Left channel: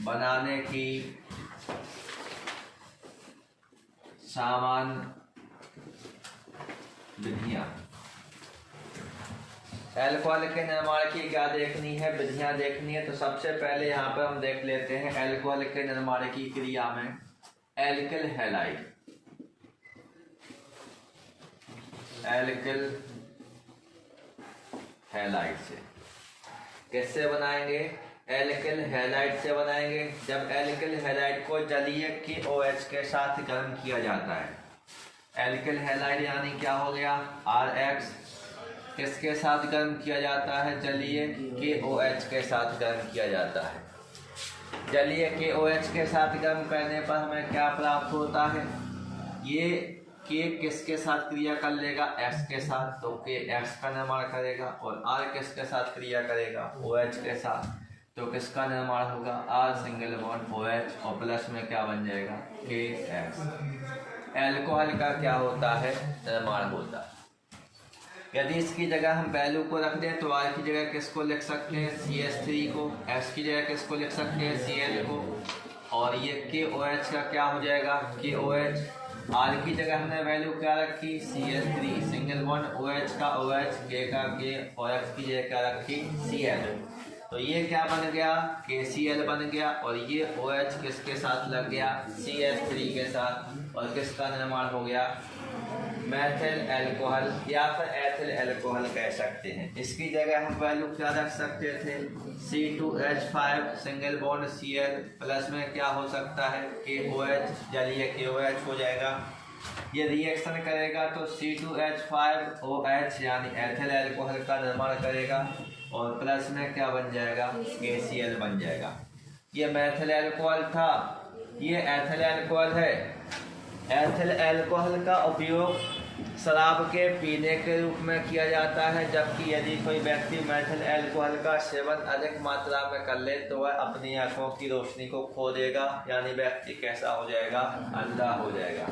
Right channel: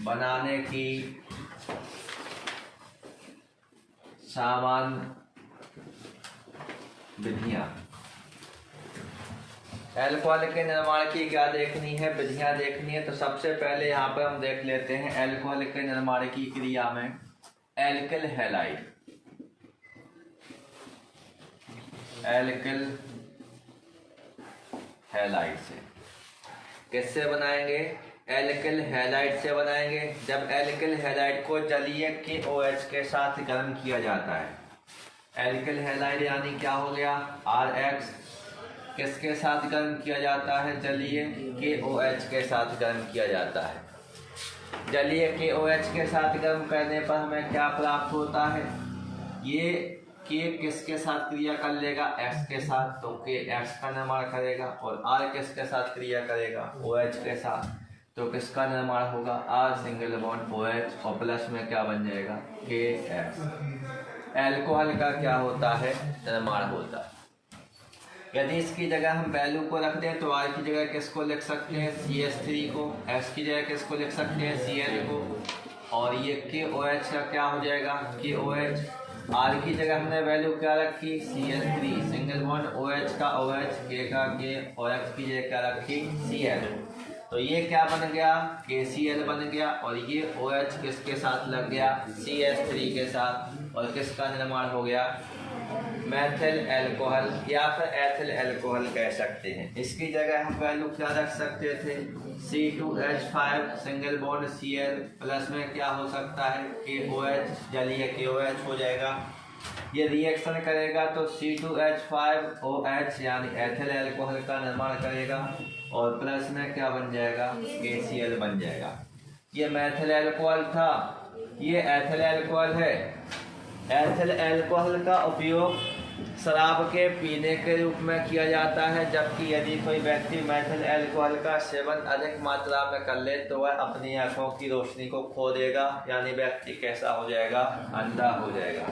बनाने की सामान्य विधियां। अल्कोहल के निर्माण की क्या देखनी है, विधियां देखनी है। तो सबसे पहले यहाँ पर हम देख लेते हैं अल्कोहल के निर्माण की क्रिया में एल्किल हैलाइड। एल्किल हैलाइड से किससे बनाएंगे? एल्किल हैलाइड से बनाएंगे। जब एल्किल हैलाइड को जलीय KOH के साथ गर्म किया जाता है। एल्किल हैलाइड यानी क्या हो गया? RX किसके साथ गर्म किया जाता है? जलीय KOH के साथ गर्म किया जाता है। जलीय KOH के साथ गर्म करने पर हमें क्या प्राप्त होता है? ये K किसके साथ क्रिया कर लेगा? X के साथ, तो K X का निर्माण करेगा। और R किसके साथ क्रिया करेगा? OH के साथ, तो किसका निर्माण होगा? R सिंगल बॉन्ड OH और प्लस में क्या बन जाएगा? KX। अल्कोहल का क्या होता है? निर्माण होता है। यदि इसकी जगह हम वैल्यू को रख दें तो R की जगह किसको लिख सकते हैं? CH3 को। X की जगह किसको लिख सकते हैं? Cl को। और ये KOH का क्या हो जाएगा? KOH। R की जगह हमने वैल्यू क्या रखी? Cl3 सिंगल बॉन्ड OH का OH, K का K और X की जगह क्या रखी? Cl। तो ये क्या बन गया? KCl बन गया। और ये OH किसके साथ लग गया? CH3 के साथ। और किसका निर्माण हो गया? मैथिल अल्कोहल या फिर एथिल अल्कोहल कह सकते हैं। इसकी जगह हम वैल्यू क्या रख सकते थे? C2H5 single bond Cl plus में क्या हो सकता है? KOH, जलीय KOH हो जाएगा। ये रिएक्शन करेगा तो C2H5OH यानी एथिल अल्कोहल का निर्माण करेगा। और प्लस में क्या बन जाएगा? KCl बन जाएगा। ये मैथिल अल्कोहल था, ये एथिल अल्कोहल है। एथिल अल्कोहल का उपयोग शराब के पीने के रूप में किया जाता है। जबकि यदि कोई व्यक्ति मैथिल अल्कोहल का सेवन अधिक मात्रा में कर ले तो वह अपनी आंखों की रोशनी को खो देगा, यानी व्यक्ति कैसा हो जाएगा? अंधा हो जाएगा।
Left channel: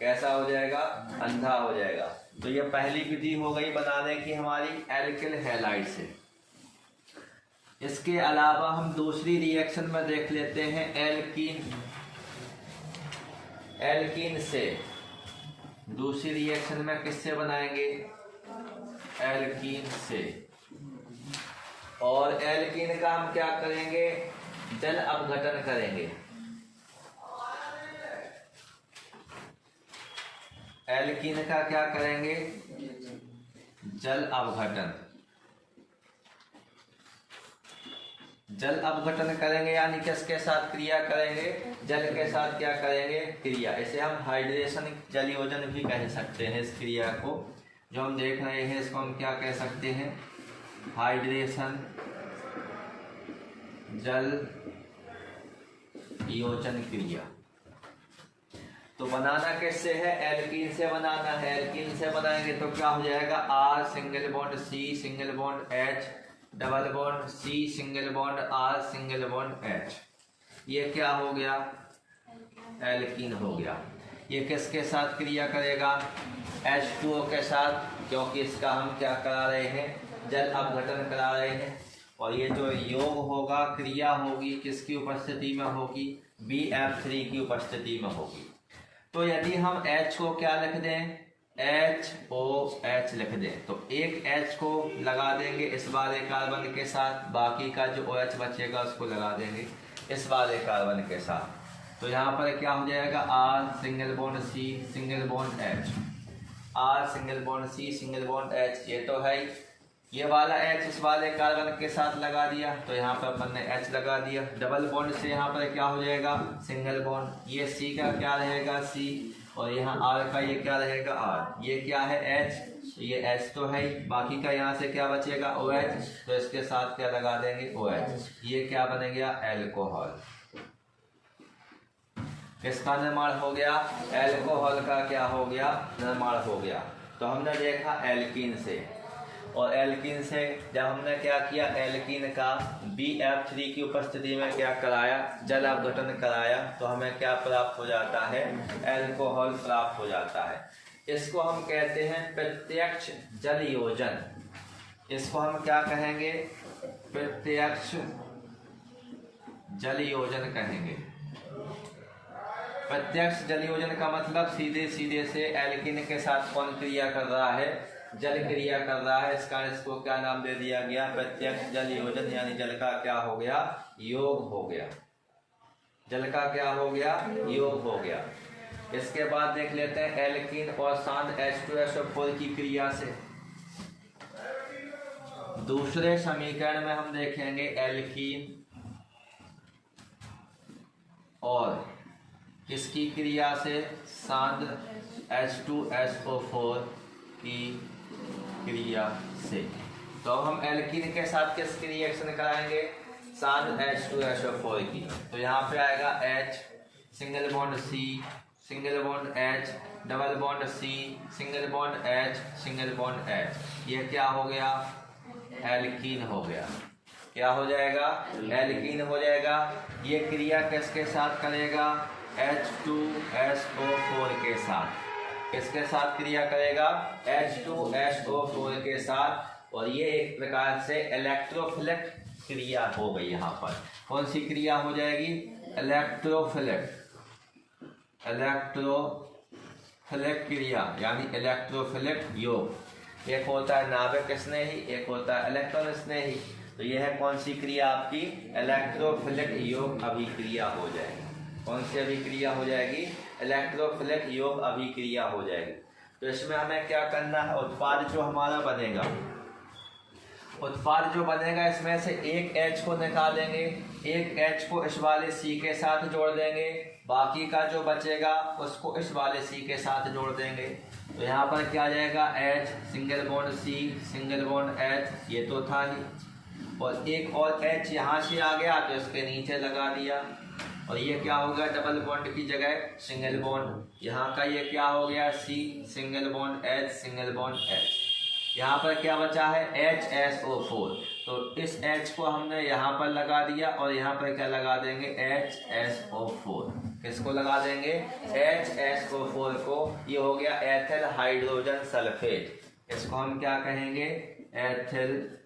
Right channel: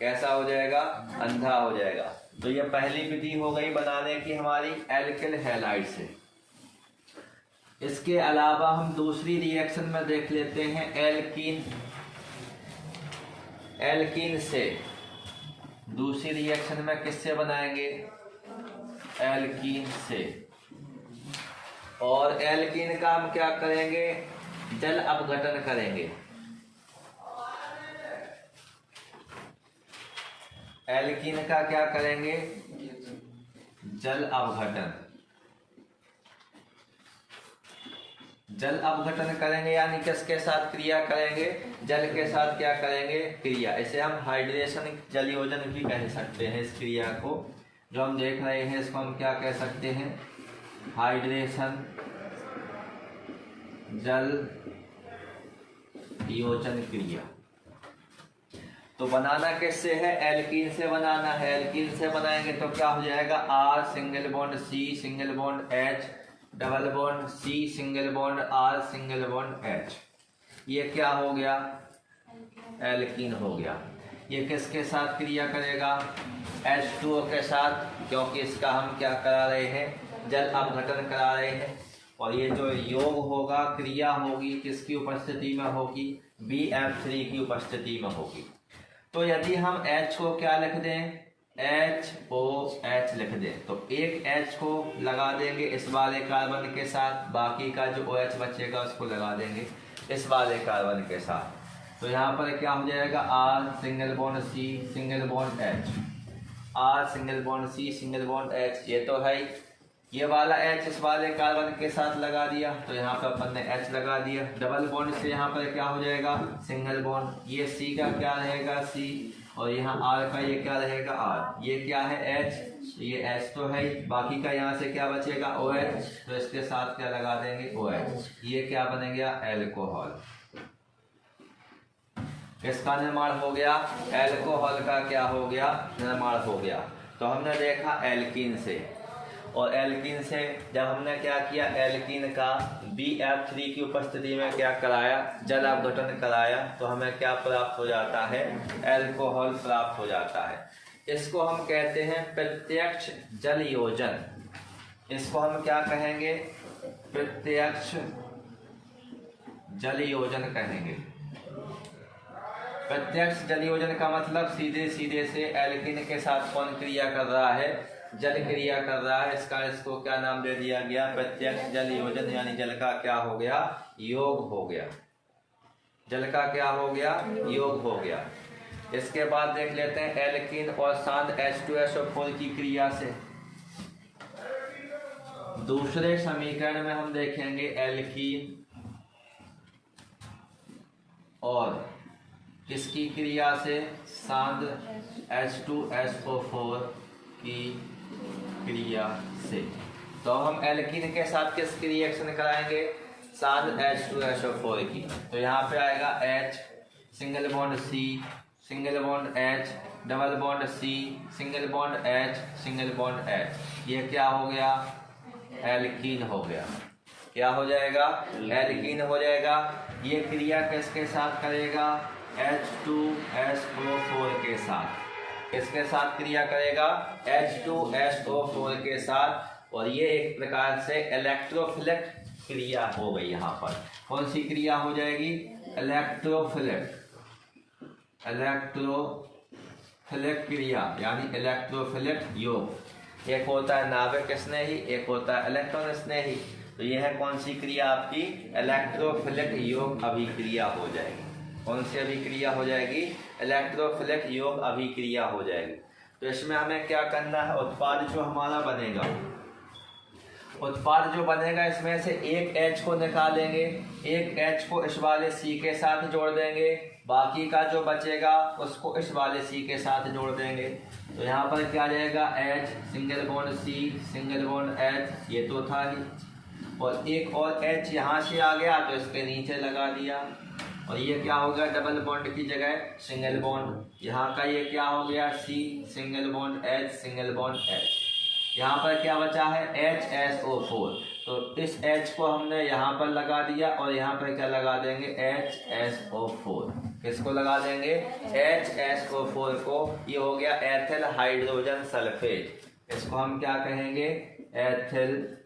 कैसा हो जाएगा? अंधा हो जाएगा। तो ये पहली विधि हो गई बनाने की हमारी एल्किल हैलाइड से। इसके अलावा हम दूसरी रिएक्शन में देख लेते हैं एल्कीन। एल्कीन से दूसरी रिएक्शन में किससे बनाएंगे? एल्कीन से। और एल्कीन का हम क्या करेंगे? जल अपघटन करेंगे। एल्कीन का क्या करेंगे? जल अपघटन। जल अपघटन करेंगे यानी किसके साथ क्रिया करेंगे? जल के साथ क्या करेंगे? क्रिया। इसे हम हाइड्रेशन जल योजन भी कह सकते हैं। इस क्रिया को जो हम देख रहे हैं इसको हम क्या कह सकते हैं? हाइड्रेशन जल योजन क्रिया। तो बनाना किससे है? एल्कीन से बनाना है। एल्कीन से बनाएंगे तो क्या हो जाएगा? R single bond C single bond H double bond C single bond R single bond H। ये क्या हो गया? एल्कीन हो गया। ये किसके साथ क्रिया करेगा? H2O के साथ, क्योंकि इसका हम क्या करा रहे हैं? जल अपघटन करा रहे हैं। और ये जो योग होगा, क्रिया होगी, किसकी उपस्थिति में होगी? BF3 की उपस्थिति में होगी। तो यदि हम H को क्या लिख दें? HOH लिख दें तो एक H को लगा देंगे इस वाले कार्बन के साथ, बाकी का जो OH बचेगा उसको लगा देंगे इस वाले कार्बन के साथ। तो यहाँ पर क्या हो जाएगा? R single bond C single bond H, R single bond C single bond H। ये तो है। ये वाला H इस वाले कार्बन के साथ लगा दिया तो यहाँ पर अपन ने H लगा दिया। डबल बॉन्ड से यहाँ पर क्या हो जाएगा? Single bond. ये C का क्या रहेगा? C। और यहाँ R का ये क्या रहेगा? R। ये क्या है? H। ये H तो है, बाकी का यहाँ से क्या बचेगा? OH। तो इसके साथ क्या लगा देंगे? OH। ये क्या बन गया? अल्कोहल। किसका निर्माण हो गया? अल्कोहल का क्या हो गया? निर्माण हो गया। तो हमने देखा एल्कीन से। और एल्कीन से जब हमने क्या किया? एल्कीन का BF3 की उपस्थिति में क्या कराया? जल अपघटन कराया। तो हमें क्या प्राप्त हो जाता है? अल्कोहल प्राप्त हो जाता है। इसको हम कहते हैं प्रत्यक्ष जल योजन। इसको हम क्या कहेंगे? प्रत्यक्ष जल योजन कहेंगे। प्रत्यक्ष जल योजन का मतलब सीधे सीधे से एल्कीन के साथ कौन क्रिया कर रहा है, जल क्रिया कर रहा है, इसको क्या नाम दे दिया गया, प्रत्यक्ष जल योजन, यानी जल का क्या हो गया, योग हो गया, जल का क्या हो गया, योग हो गया। इसके बाद देख लेते हैं एल्कीन और शांत H2SO4 की क्रिया से। दूसरे समीकरण में हम देखेंगे एल्कीन और किसकी क्रिया से, सांद्र H2SO4 की क्रिया से। तो हम एल्कीन के साथ किसकी रिएक्शन कराएंगे, सांद्र H2SO4 की। तो यहाँ पे आएगा H, single bond C, single bond H, double bond C, single bond H, single bond H। ये क्या हो गया, एल्कीन हो गया। क्या हो जाएगा, एल्कीन हो जाएगा। ये क्रिया किसके साथ करेगा, H2SO4 के साथ। किसके साथ क्रिया करेगा, H2SO4 के साथ। और ये एक प्रकार से इलेक्ट्रोफिलिक क्रिया हो गई। यहाँ पर कौन सी क्रिया हो जाएगी, इलेक्ट्रोफिलिक क्रिया, यानी इलेक्ट्रोफिलिक योग। एक होता है नाभिक स्नेही, एक होता है इलेक्ट्रॉन स्नेही। तो यह है कौन सी क्रिया आपकी, इलेक्ट्रोफिलिक योग अभिक्रिया हो जाएगी। कौन सी अभिक्रिया हो जाएगी, इलेक्ट्रोफिलिक योग अभिक्रिया हो जाएगी। तो इसमें हमें क्या करना है, उत्पाद जो हमारा बनेगा, उत्पाद जो बनेगा इसमें से एक H को निकालेंगे, एक H को इस वाले C के साथ जोड़ देंगे, बाकी का जो बचेगा उसको इस वाले C के साथ जोड़ देंगे। तो यहाँ पर क्या आ जाएगा, H, single bond C, single bond H, ये तो था ही, और एक और H यहाँ से आ गया तो इसके नीचे लगा दिया। और ये क्या हो गया, डबल बॉन्ड की जगह सिंगल बॉन्ड। यहाँ का ये क्या हो गया, C, single bond H, single bond H। यहाँ पर क्या बचा है, HSO4। तो इस H को हमने यहाँ पर लगा दिया और यहाँ पर क्या लगा देंगे, HSO4। किसको लगा देंगे, HSO4 को। ये हो गया एथिल हाइड्रोजन सल्फेट। इसको हम क्या कहेंगे, एथिल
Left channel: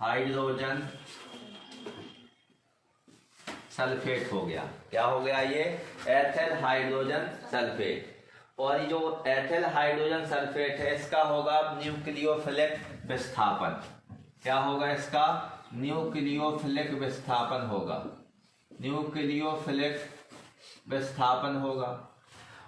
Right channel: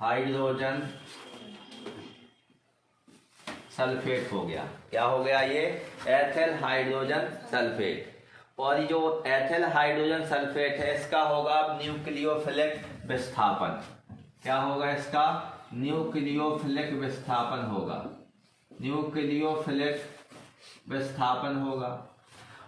हाइड्रोजन सल्फेट हो गया। क्या हो गया, ये एथिल हाइड्रोजन सल्फेट। और जो एथिल हाइड्रोजन सल्फेट है इसका होगा न्यूक्लियोफिलिक विस्थापन। क्या होगा इसका, न्यूक्लियोफिलिक विस्थापन होगा, न्यूक्लियोफिलिक विस्थापन होगा।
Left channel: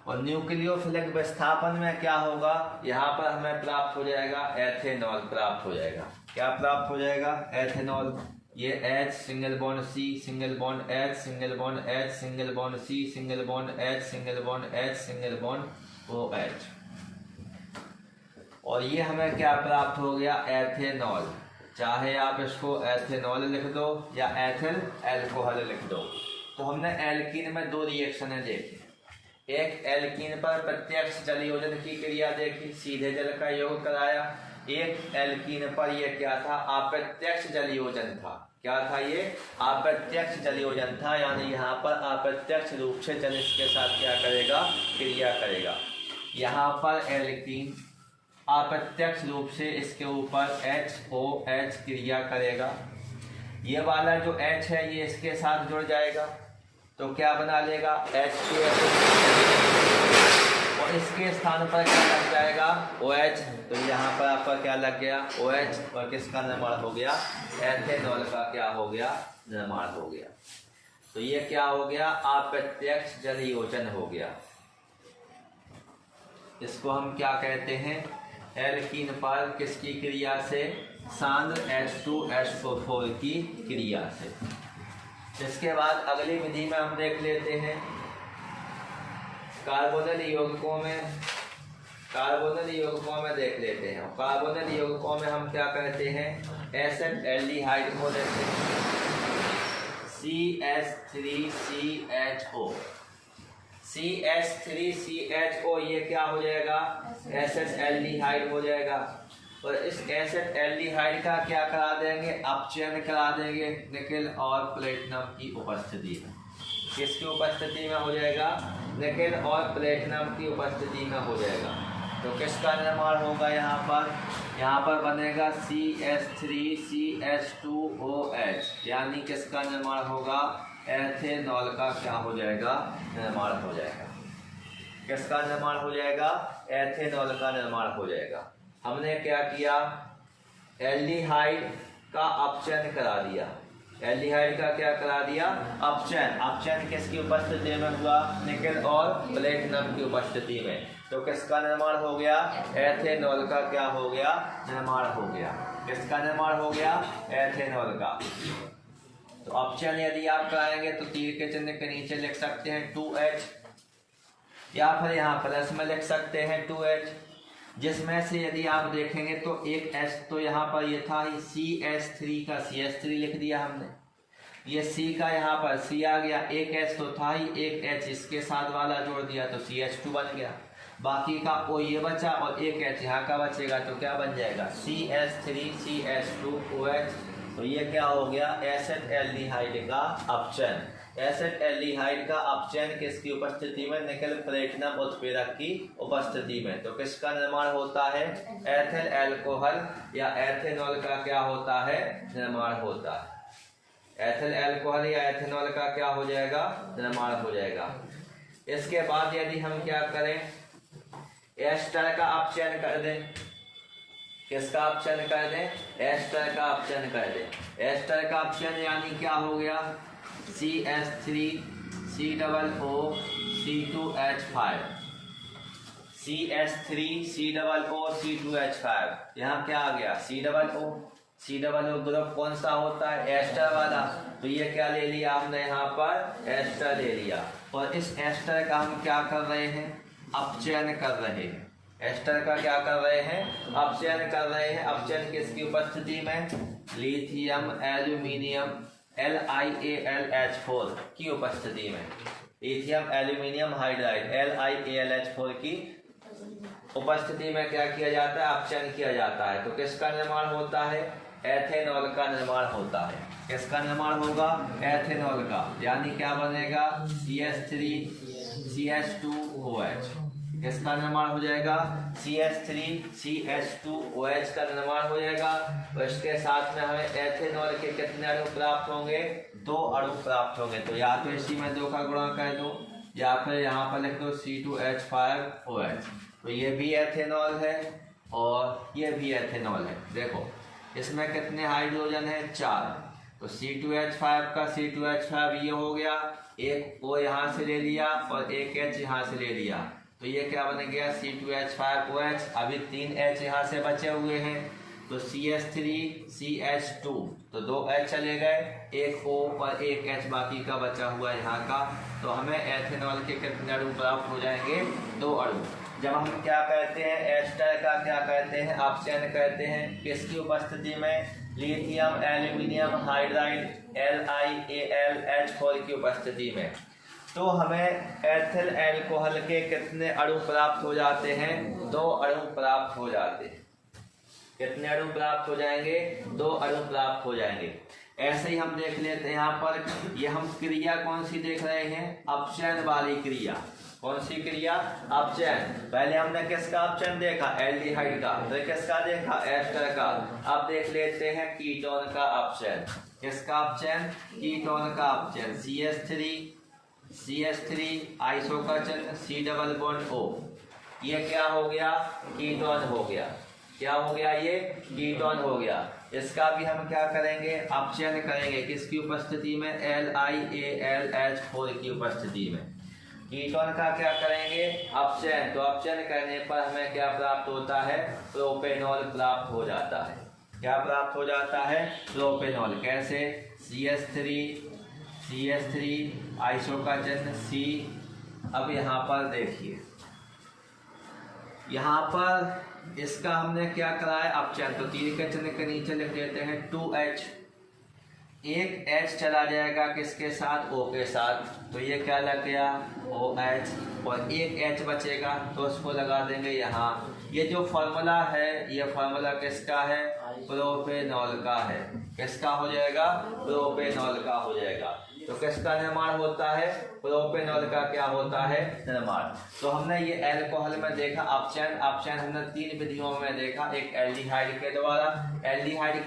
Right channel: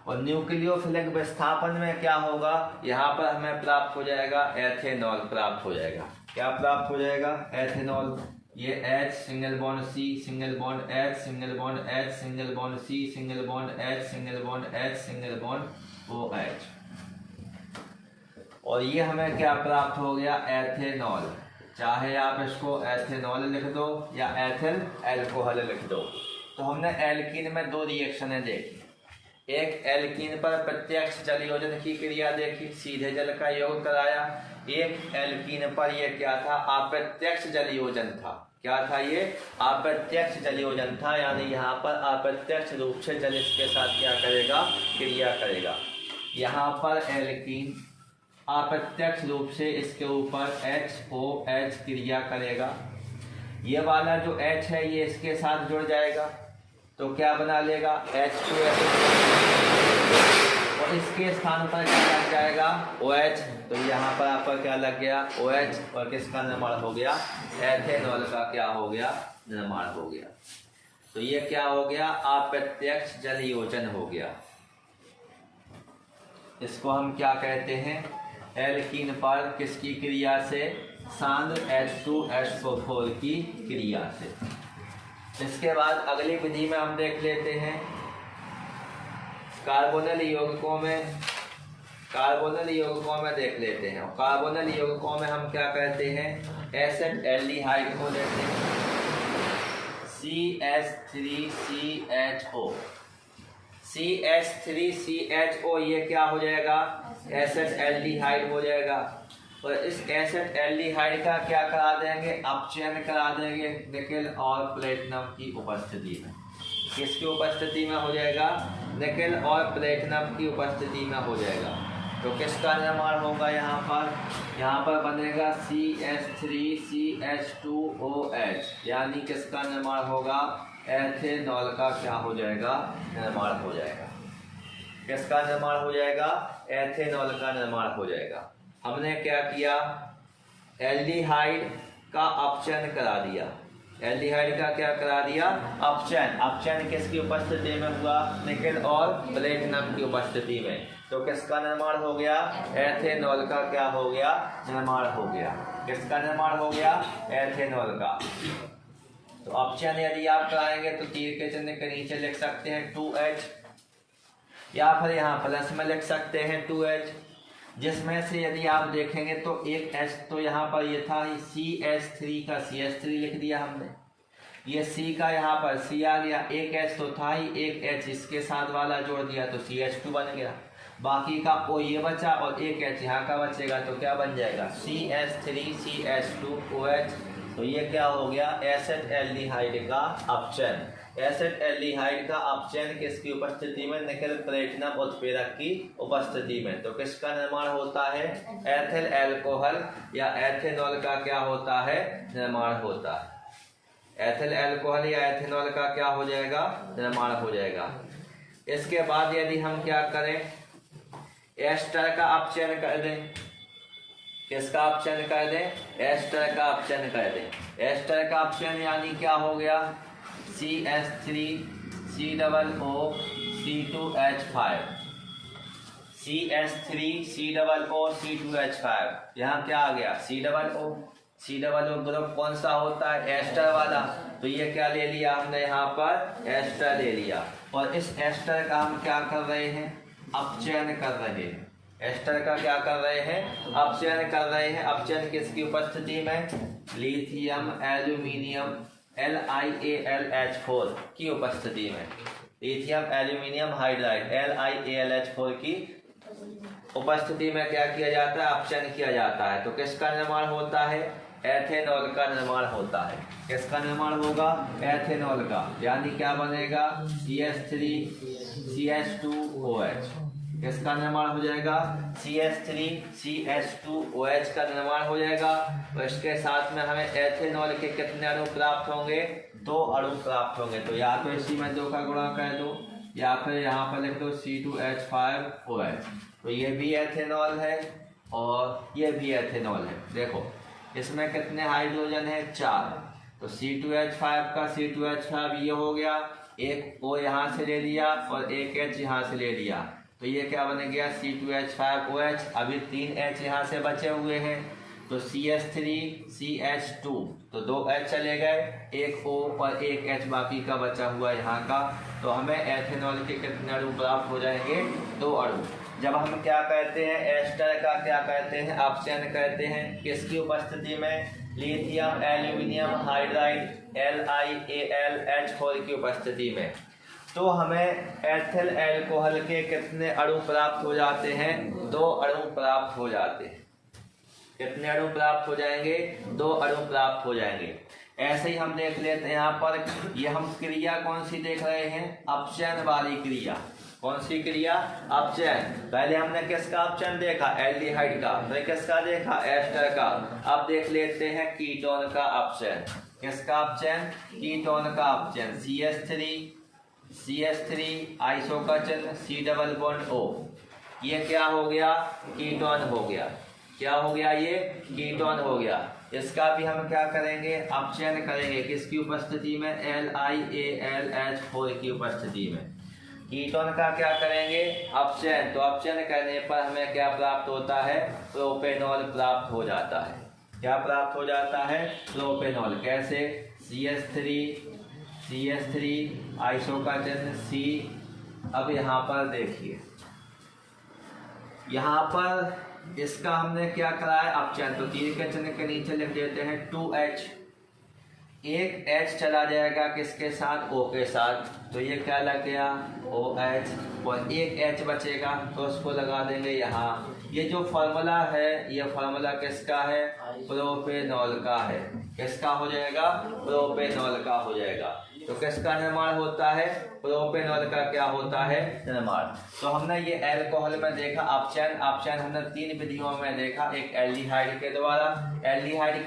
और न्यूक्लियोफिलिक विस्थापन में क्या होगा, यहाँ पर हमें प्राप्त हो जाएगा एथेनॉल प्राप्त हो जाएगा। क्या प्राप्त हो जाएगा, एथेनॉल। ये H, single bond C, single bond H, single bond H, single bond C, single bond H, single bond H, single bond OH। और ये हमें क्या प्राप्त हो गया, एथेनॉल। चाहे आप इसको एथेनॉल लिख दो या एथिल एल्कोहल लिख दो। तो हमने एल्कीन में दो रिएक्शनें देखी। एक एल्कीन पर प्रत्यक्ष जल योजन की क्रिया देखी, सीधे जल का योग कराया। एक एल्कीन पर ये क्या था, अप्रत्यक्ष जल योजन था। क्या था ये, अप्रत्यक्ष जल योजन था, यानी यहाँ पर अप्रत्यक्ष रूप से जल इसके साथ क्या करेगा, क्रिया करेगा। यहाँ पर एल्कीन अप्रत्यक्ष रूप से इसके ऊपर HOH क्रिया करेगा। ये वाला जो H है ये इसके साथ जुड़ जाएगा तो क्या बना लेगा, H2SO4। और इसके स्थान पर क्या लग जाएगा, OH। तो यहाँ पर आपका क्या लग गया, OH। और किसका निर्माण हो गया, एथेनॉल का क्या हो गया, निर्माण हो गया। तो ये क्या हो गया, अप्रत्यक्ष जल योजन हो गया। इसको हम क्या कहते हैं, एल्कीन पर किसकी क्रिया से, सांद्र H2SO4 की क्रिया से। इसके बाद अगली विधि में हम देख लेते हैं कार्बोनिल यौगिकों में देख लेते हैं। कार्बोनिल यौगिकों में हम क्या कहते हैं, एसिड एल्डिहाइड को देखते हैं, CH3CHO। CH3CHO ये क्या हो जाएगा, एसिड एल्डिहाइड हो जाएगा। और इस एसिड एल्डिहाइड का क्या करा देंगे, अपचयन करा देंगे निकेल और प्लेटिनम की उपस्थिति में। किसकी उपस्थिति में हो जाएगा, निकेल और प्लेटिनम की उपस्थिति में हो जाएगा। तो तो किसका निर्माण होगा यहाँ पर बनेगा CH3CH2OH, यानी किसका निर्माण होगा, एथेनॉल का क्या हो जाएगा, निर्माण हो जाएगा। किसका निर्माण हो जाएगा, एथेनॉल का निर्माण हो जाएगा। हमने क्या किया, एल्डिहाइड का अपचयन करा दिया। एल्डिहाइड का क्या करा दिया, अपचयन किसकी उपस्थिति में हुआ, निकेल और प्लेटिनम की उपस्थिति में। तो किसका निर्माण हो गया, एथेनॉल का क्या हो गया, निर्माण हो गया। किसका निर्माण हो गया, एथेनॉल का। तो अपचयन यदि आप कराएंगे तो तीर के चिन्ह के नीचे लिख सकते हैं 2H, या फिर यहाँ प्लस में लिख सकते हैं 2H, जिसमें से यदि आप देखेंगे तो एक H तो यहाँ पर ये था ही, CH3 का CH3 लिख दिया हमने, ये C का यहाँ पर C आ गया, एक H तो था ही, एक H इसके साथ वाला जोड़ दिया तो CH2 बन गया, बाकी का O ये बचा और एक H यहाँ का बचेगा तो क्या बन जाएगा, CH3CH2OH। तो ये क्या हो गया, एसिड एल्डिहाइड का अपचयन। एसिड एल्डिहाइड का अपचयन किसकी उपस्थिति में, निकेल प्लेटिनम उत्प्रेरक की उपस्थिति में। तो किसका निर्माण होता है, एथिल अल्कोहल या एथेनॉल का क्या होता है, निर्माण होता है। एथिल अल्कोहल या एथेनॉल का क्या हो जाएगा, निर्माण हो जाएगा। इसके बाद यदि हम क्या करें, एस्टर का अपचयन कर दें। किसका अपचयन कर दें, एस्टर का अपचयन कर दें। एस्टर का अपचयन यानी क्या हो गया, CH3COOC2H5, CH3COOC2H5। यहाँ क्या आ गया, COO ग्रुप कौन सा होता है, एस्टर वाला। तो ये क्या ले लिया हमने, यहाँ पर एस्टर ले लिया, और इस एस्टर का हम क्या कर रहे हैं, अपचयन कर रहे हैं। एस्टर का क्या कर रहे हैं, अपचयन कर रहे हैं। अपचयन किसकी उपस्थिति में, लिथियम एल्यूमिनियम LiAlH4 की उपस्थिति में। लिथियम एल्यूमिनियम हाइड्राइड LiAlH4 की उपस्थिति में क्या किया जाता है, अपचयन किया जाता है। तो किसका निर्माण होता है, एथेनॉल का निर्माण होता है। किसका निर्माण होगा, एथेनॉल का, यानी क्या बनेगा, CH3CH2OH। इसका निर्माण हो जाएगा, CH3CH2OH का निर्माण हो जाएगा। तो इसके साथ में हमें एथेनॉल के कितने अणु प्राप्त होंगे, 2 अणु प्राप्त होंगे। तो या तो इसी में 2 का गुणा कर दो, या फिर यहाँ पर लिख दो C2H5OH। तो ये भी एथेनॉल है और ये भी एथेनॉल है। देखो इसमें कितने हाइड्रोजन है, 4। तो C2H5 का C2H5 ये हो गया, एक O यहाँ से ले लिया और एक H यहाँ से ले लिया। तो ये क्या बन गया, C2H5OH। अभी 3 H यहाँ से बचे हुए हैं, तो CH3CH2, तो 2 H चले गए, एक O और एक H बाकी का बचा हुआ यहाँ का। तो हमें एथेनॉल के कितने अणु प्राप्त हो जाएंगे, 2 अणु। जब हम क्या कहते हैं, एस्टर का क्या कहते हैं, अपचयन कहते हैं। किसकी उपस्थिति में, लिथियम एल्यूमिनियम हाइड्राइड LiAlH4 की उपस्थिति में। तो हमें एथिल अल्कोहल के कितने अणु प्राप्त हो जाते हैं, 2 अणु प्राप्त हो जाते हैं। कितने अणु प्राप्त हो जाएंगे, 2 अणु प्राप्त हो जाएंगे। ऐसे ही हम देख लेते हैं यहाँ पर, ये हम क्रिया कौन सी देख रहे हैं, अपचयन वाली क्रिया। कौन सी क्रिया, अपचयन। पहले हमने किसका अपचयन देखा, एल्डिहाइड का, फिर किसका देखा, एस्टर का। अब देख लेते हैं कीटोन का अपचयन। किसका अपचयन, कीटोन का अपचयन। CH3 आइसो का चिन्ह, C डबल बॉन्ड O, ये क्या हो गया, कीटोन हो गया। क्या हो गया, ये कीटोन हो गया। इसका भी हम क्या करेंगे, अपचयन करेंगे। किसकी उपस्थिति में, LiAlH4 की उपस्थिति में। कीटोन का क्या करेंगे, अपचयन। तो अपचयन करने पर हमें क्या प्राप्त होता है, प्रोपेनॉल प्राप्त हो जाता है। क्या प्राप्त हो जाता है, प्रोपेनॉल। कैसे, CH3 आइसो का चिन्ह C। अब यहाँ पर देखिए, यहाँ पर इसका हमने क्या कराया, अपचयन। तो तीर के चिन्ह के नीचे लिख देते हैं 2H। एक H चला जाएगा किसके साथ, O के साथ। तो ये क्या लग गया, OH, और एक H बचेगा तो उसको लगा देंगे यहाँ। ये जो फॉर्मूला है, ये फॉर्मूला किसका है, प्रोपेनॉल का है। किसका हो जाएगा, प्रोपेनॉल का हो जाएगा। तो किसका निर्माण होता है? प्रोपेनॉल का क्या होता है? निर्माण। तो हमने ये एल्कोहल में देखा अपचयन हमने 3 विधियों में देखा। एक एल्डिहाइड के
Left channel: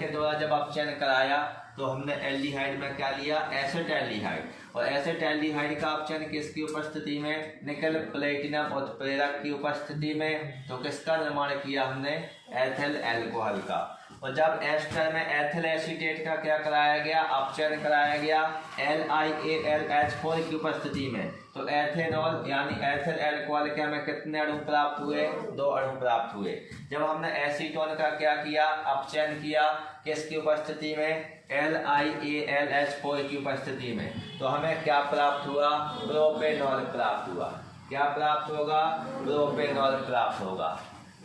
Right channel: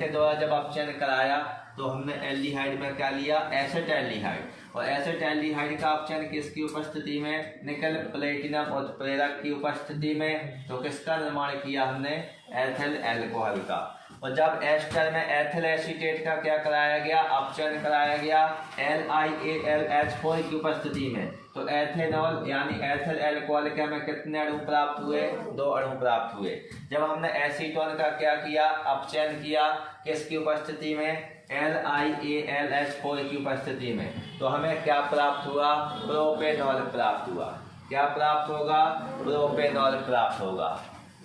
द्वारा जब अपचयन कराया तो हमने एल्डिहाइड में क्या लिया? एसिटाल्डिहाइड। और एसिटाल्डिहाइड का अपचयन किसकी उपस्थिति में? निकल प्लेटिनम उत्प्रेरक की उपस्थिति में। तो किसका निर्माण किया हमने? एथिल अल्कोहल का। और जब एस्टर में एथिल एसीटेट का क्या कराया गया? अपचयन कराया गया LiAlH4 की उपस्थिति में। तो एथेनॉल यानी एथिल अल्कोहल के हमें कितने अणु प्राप्त हुए? 2 अणु प्राप्त हुए। जब हमने एसीटोन का क्या किया? अपचयन किया किसकी उपस्थिति में? LiAlH4 की उपस्थिति में। तो हमें क्या प्राप्त हुआ? प्रोपेनॉल प्राप्त हुआ। क्या प्राप्त होगा? प्रोपेनॉल प्राप्त होगा।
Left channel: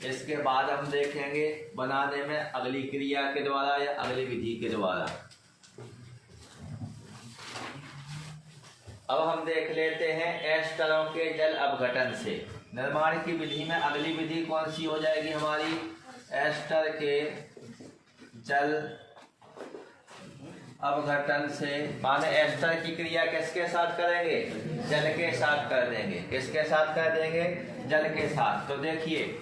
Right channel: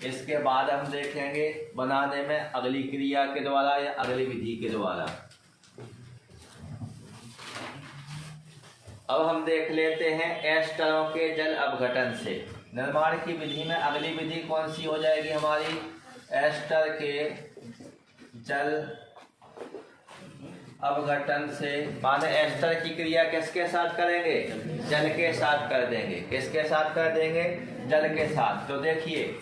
इसके बाद हम देखेंगे बनाने में अगली क्रिया के द्वारा या अगली विधि के द्वारा। अब हम देख लेते हैं एस्टरों के जल अपघटन से निर्माण की विधि में अगली विधि कौन सी हो जाएगी हमारी? एस्टर के जल अपघटन से। माने एस्टर की क्रिया किसके साथ करेंगे? जल के साथ कर देंगे। किसके साथ कर देंगे? जल के साथ। तो देखिए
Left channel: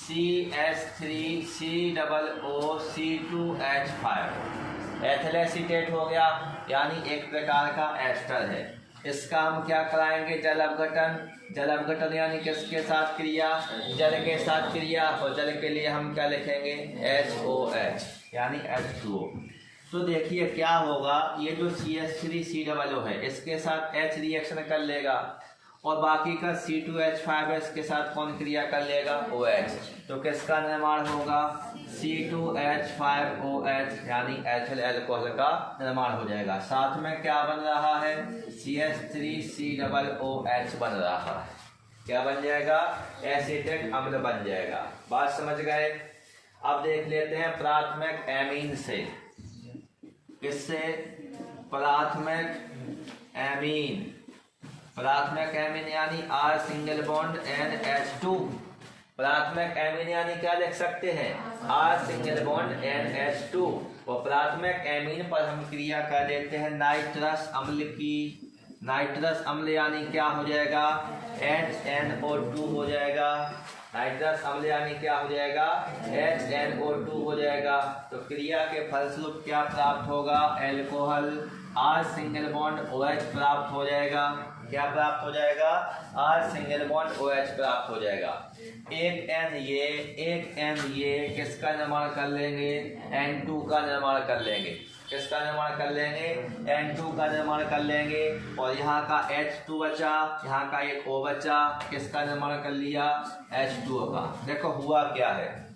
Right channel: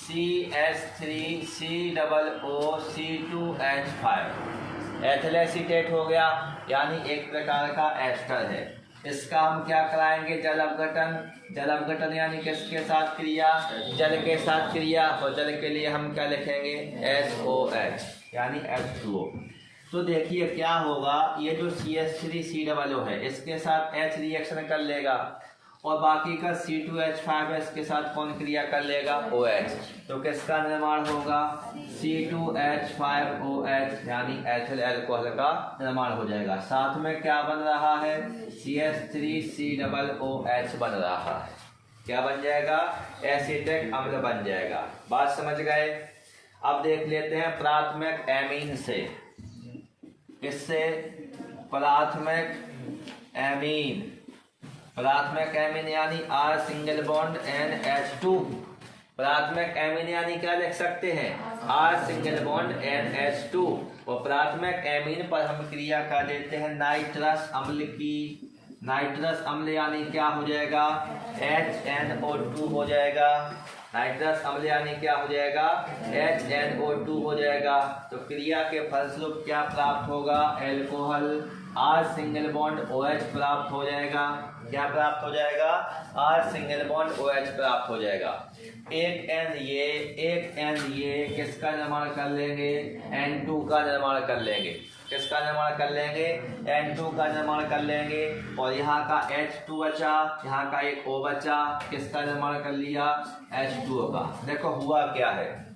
CH3COO-C2H5 एथिल एसीटेट हो गया, यानी एक प्रकार का एस्टर है। इसका हम क्या कराएंगे? जल अपघटन यानी किसके साथ क्रिया? जल के साथ क्रिया। और जल के लिए हम क्या लिखेंगे? HOH यानी H2O। तो देखिए क्या होगा, ये जो CH3COO है इसके साथ H रिएक्शन कर लेगा और बाकी का C2H5 है इसके साथ कौन क्रिया कर लेगा? OH। तो किसका निर्माण होगा? C2H5OH यानी एथिल अल्कोहल का निर्माण हो जाएगा। साथ में क्या बन रहा है? CH3COOH बन रहा है। क्या बन जाएगा? एसिटिक अम्ल बन जाएगा। बात समझ गए? अब देख लेते हैं प्राथमिक एमीन से। किससे? प्राथमिक एमीन यानी R सिंगल बॉन्ड NH2। प्राथमिक एमीन यानी क्या लिख सकते हैं? R single bond NH2। और प्राथमिक एमीन पर हम क्रिया कर देते हैं नाइट्रस अम्ल की। नाइट्रस अम्ल यानी क्या हो जाएगा? HNO2 हो जाएगा। नाइट्रस अम्ल यानी क्या हो जाएगा? HNO2 हो जाएगा। तो क्रिया के फलस्वरूप क्या प्राप्त होगा? Alcohol R single bond OH प्राप्त हो जाएगा। क्या प्राप्त हो जाएगा? R सिंगल बॉन्ड OH प्राप्त हो जाएगा। एक N ये किसका निर्माण कर लेंगे? N2 का निर्माण कर लेंगे। किसका निर्माण कर लेंगे? N2 का निर्माण कर लेंगे। और यहाँ का H2 बचा, यहाँ का एक O बचा। किसका निर्माण कर लिया? H2O का। देखो हुआ क्या है,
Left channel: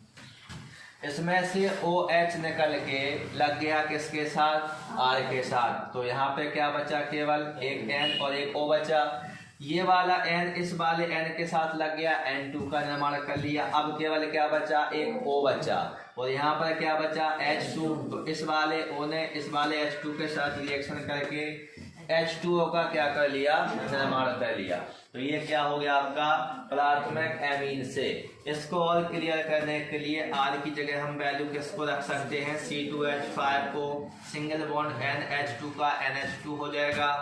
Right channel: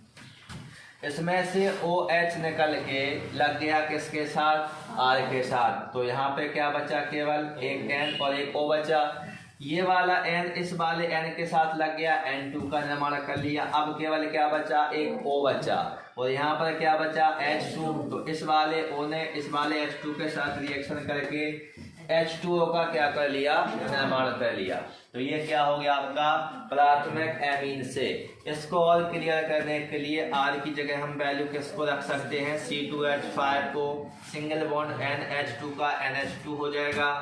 इसमें से OH निकल के लग गया किसके साथ? R के साथ। तो यहाँ पे क्या बचा? केवल एक N और एक O बचा। ये वाला N इस वाले N के साथ लग गया, N2 का निर्माण कर लिया। अब केवल क्या बचा? एक O बचा। और यहाँ पर क्या बचा? H2। तो इस वाले O ने इस वाले H2 के साथ रिएक्शन करके H2O का क्या कर लिया? निर्माण कर लिया। तो ये क्या हो गया आपका? प्राथमिक एमीन से। इसको और क्लियर करने के लिए R की जगह हम वैल्यू किसको रख सकते हैं? C2H5 को सिंगल बॉन्ड NH2 का NH2 हो जाएगा।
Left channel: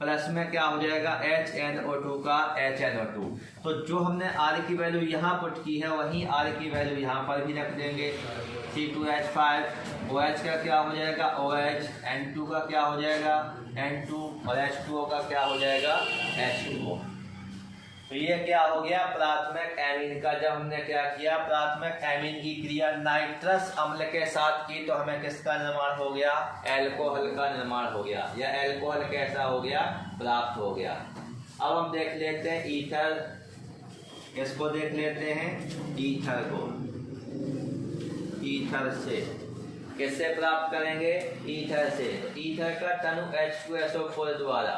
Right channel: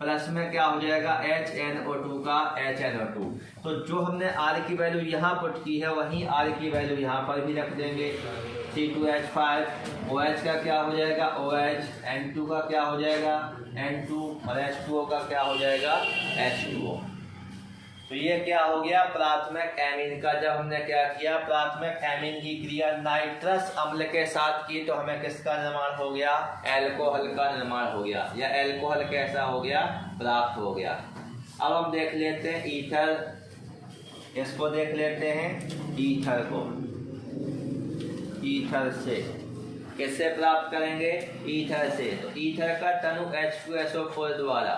प्लस में क्या हो जाएगा? HNO2 का HNO2। तो जो हमने R की वैल्यू यहाँ पुट की है वहीं R की वैल्यू यहाँ पर भी रख देंगे। C2H5 OH का क्या हो जाएगा? OH। N2 का क्या हो जाएगा? N2। और H2O का क्या हो जाएगा? H2O। तो ये क्या हो गया? प्राथमिक एमीन का जब हमने क्या किया? प्राथमिक एमीन की क्रिया नाइट्रस अम्ल के साथ की तो हमें किसका निर्माण हो गया? अल्कोहल का निर्माण हो गया। या अल्कोहल कैसा हो गया? प्राप्त हो गया। अब हम देख लेते हैं ईथर। इसको देख लेते हैं ईथर को। ईथर से किससे प्राप्त करेंगे? ईथर से। ईथर का तनु H2SO4 द्वारा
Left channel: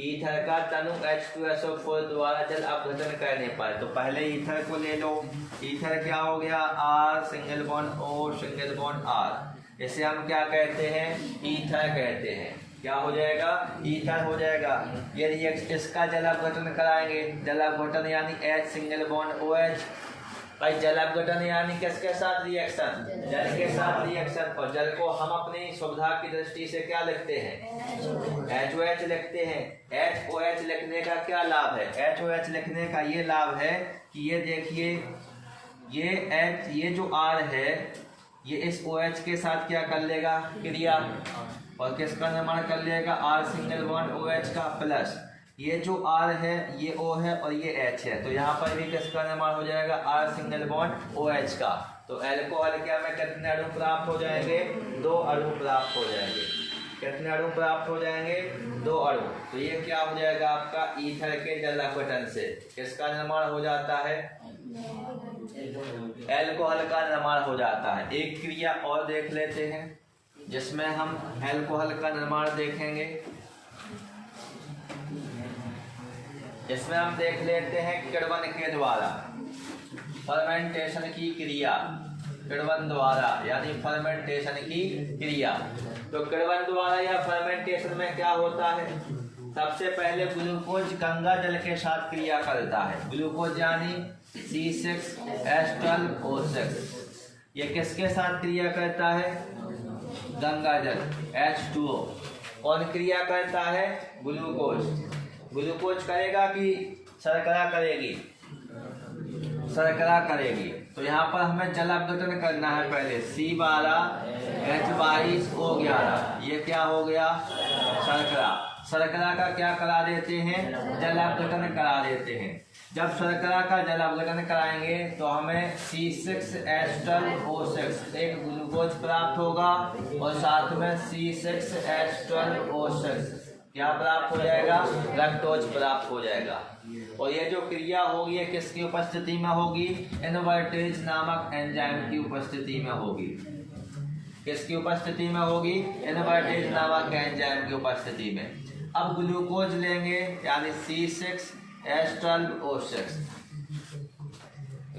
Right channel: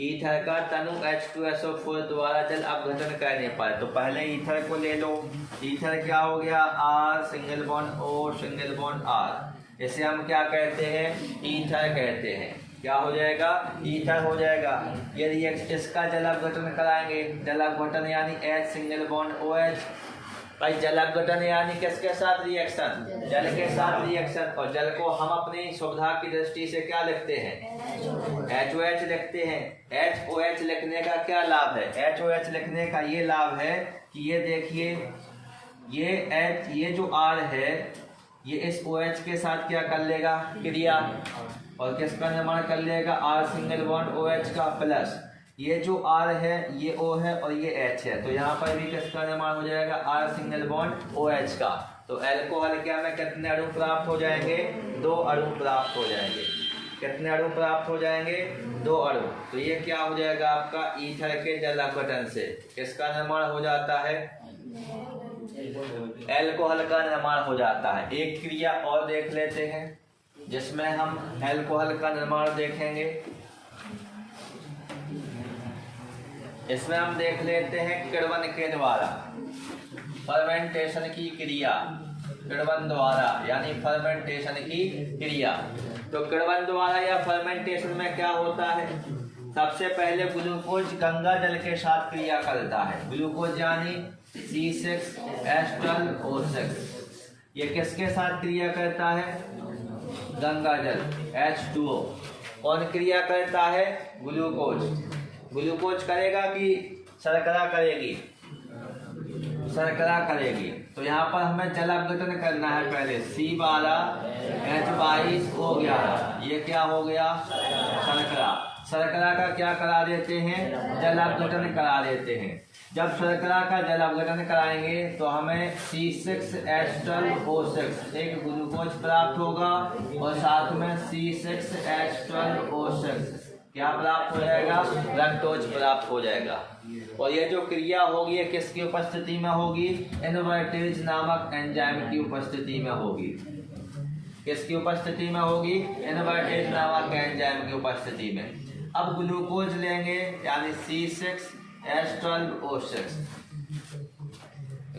ईथर का तनु H2SO4 द्वारा जल अपघटन करने पर, तो पहले ईथर को ले लो। ईथर क्या हो गया? R single bond O single bond R। इसे हम क्या कहते हैं? ईथर कहते हैं। क्या हो जाएगा? ईथर हो जाएगा। यदि इसका जल अपघटन कराएंगे, जल अपघटन यानी H सिंगल बॉन्ड OH भाई जल अपघटन यानी किसके साथ रिएक्शन, जल के साथ रिएक्शन। और जल को हम अपनी सुविधा की दृष्टि से क्या लिखते हैं, HOH लिखते हैं। HOH लिखने का क्या लाभ है, HOH लिखने का ये लाभ है कि ये देखिए ये जो R है ये इस OH के साथ क्या कर लेगा, क्रिया, और किसका निर्माण कर लेगा, R सिंगल बॉन्ड OH का, प्लस ये जो R है ये O है और ये H है, तो यहाँ पर भी किसका निर्माण हो जाएगा, R सिंगल बॉन्ड OH का। तो अल्कोहल क्या में कितने अणु प्राप्त हो जाएंगे, 2 अणु प्राप्त हो जाएंगे। कितने अणु प्राप्त हो जाएंगे, 2 अणु। तो ये क्या हो जाएगा आपका, ईथर के जल अपघटन से किसका निर्माण हो जाता है, अल्कोहल का निर्माण हो जाता है। एक क्रिया और देख लेते हैं जिसमें हम अल्कोहल का निर्माण देखेंगे। इसमें हम देख लेते हैं किण्वन के द्वारा फर्मेंटेशन की क्रिया, किण्वन द्वारा यानी फर्मेंटेशन की क्रिया। तो किण्वन द्वारा या फर्मेंटेशन में क्या होता है, सबसे पहले ग्लूकोज गंगा जल के साथ क्रिया करता है। ग्लूकोज यानी C6H12O6, ये किसके साथ क्रिया करता है, गंगा जल H2O। कौन क्रिया करता है, ग्लूकोज। ग्लूकोज करेगा कि शर्करा करेगी, शर्करा करेगी। तो यहाँ पर हमें जल अपघटन करना है पहले, C12H22O11, ये क्या हो गया, शर्करा। शर्करा का क्या करा देते हैं, जल अपघटन करा देते हैं। जब शर्करा का जल अपघटन कराएंगे तो हमें C6H12O6 एक ग्लूकोज प्राप्त होगा और साथ में C6H12O6 क्या प्राप्त हो जाएगा, लैक्टोज प्राप्त हो जाएगा। और ये जो क्रिया होगी ये किसकी उपस्थिति में होगी, इनवर्टेज नामक एंजाइम की उपस्थिति में होगी। किसकी उपस्थिति में होगी, इनवर्टेज नामक एंजाइम की उपस्थिति में। अब ग्लूकोज लेंगे यानी C6H12O6।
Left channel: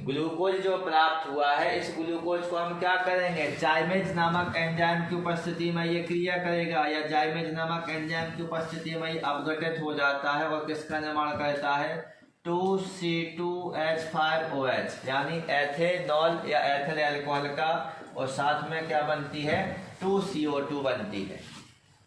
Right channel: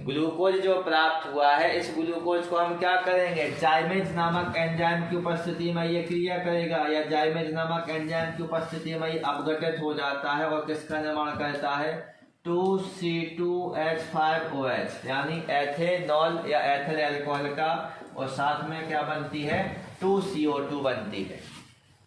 ग्लूकोज जो प्राप्त हुआ है इस ग्लूकोज को हम क्या करेंगे, जाइमेज नामक एंजाइम की उपस्थिति में ये क्रिया करेगा, या जाइमेज नामक एंजाइम की उपस्थिति में ये अपघटित हो जाता है और किसका निर्माण करता है, 2C2H5OH यानी एथेनॉल या एथिल अल्कोहल का। और साथ में क्या बनती है, 2CO2 बनती है।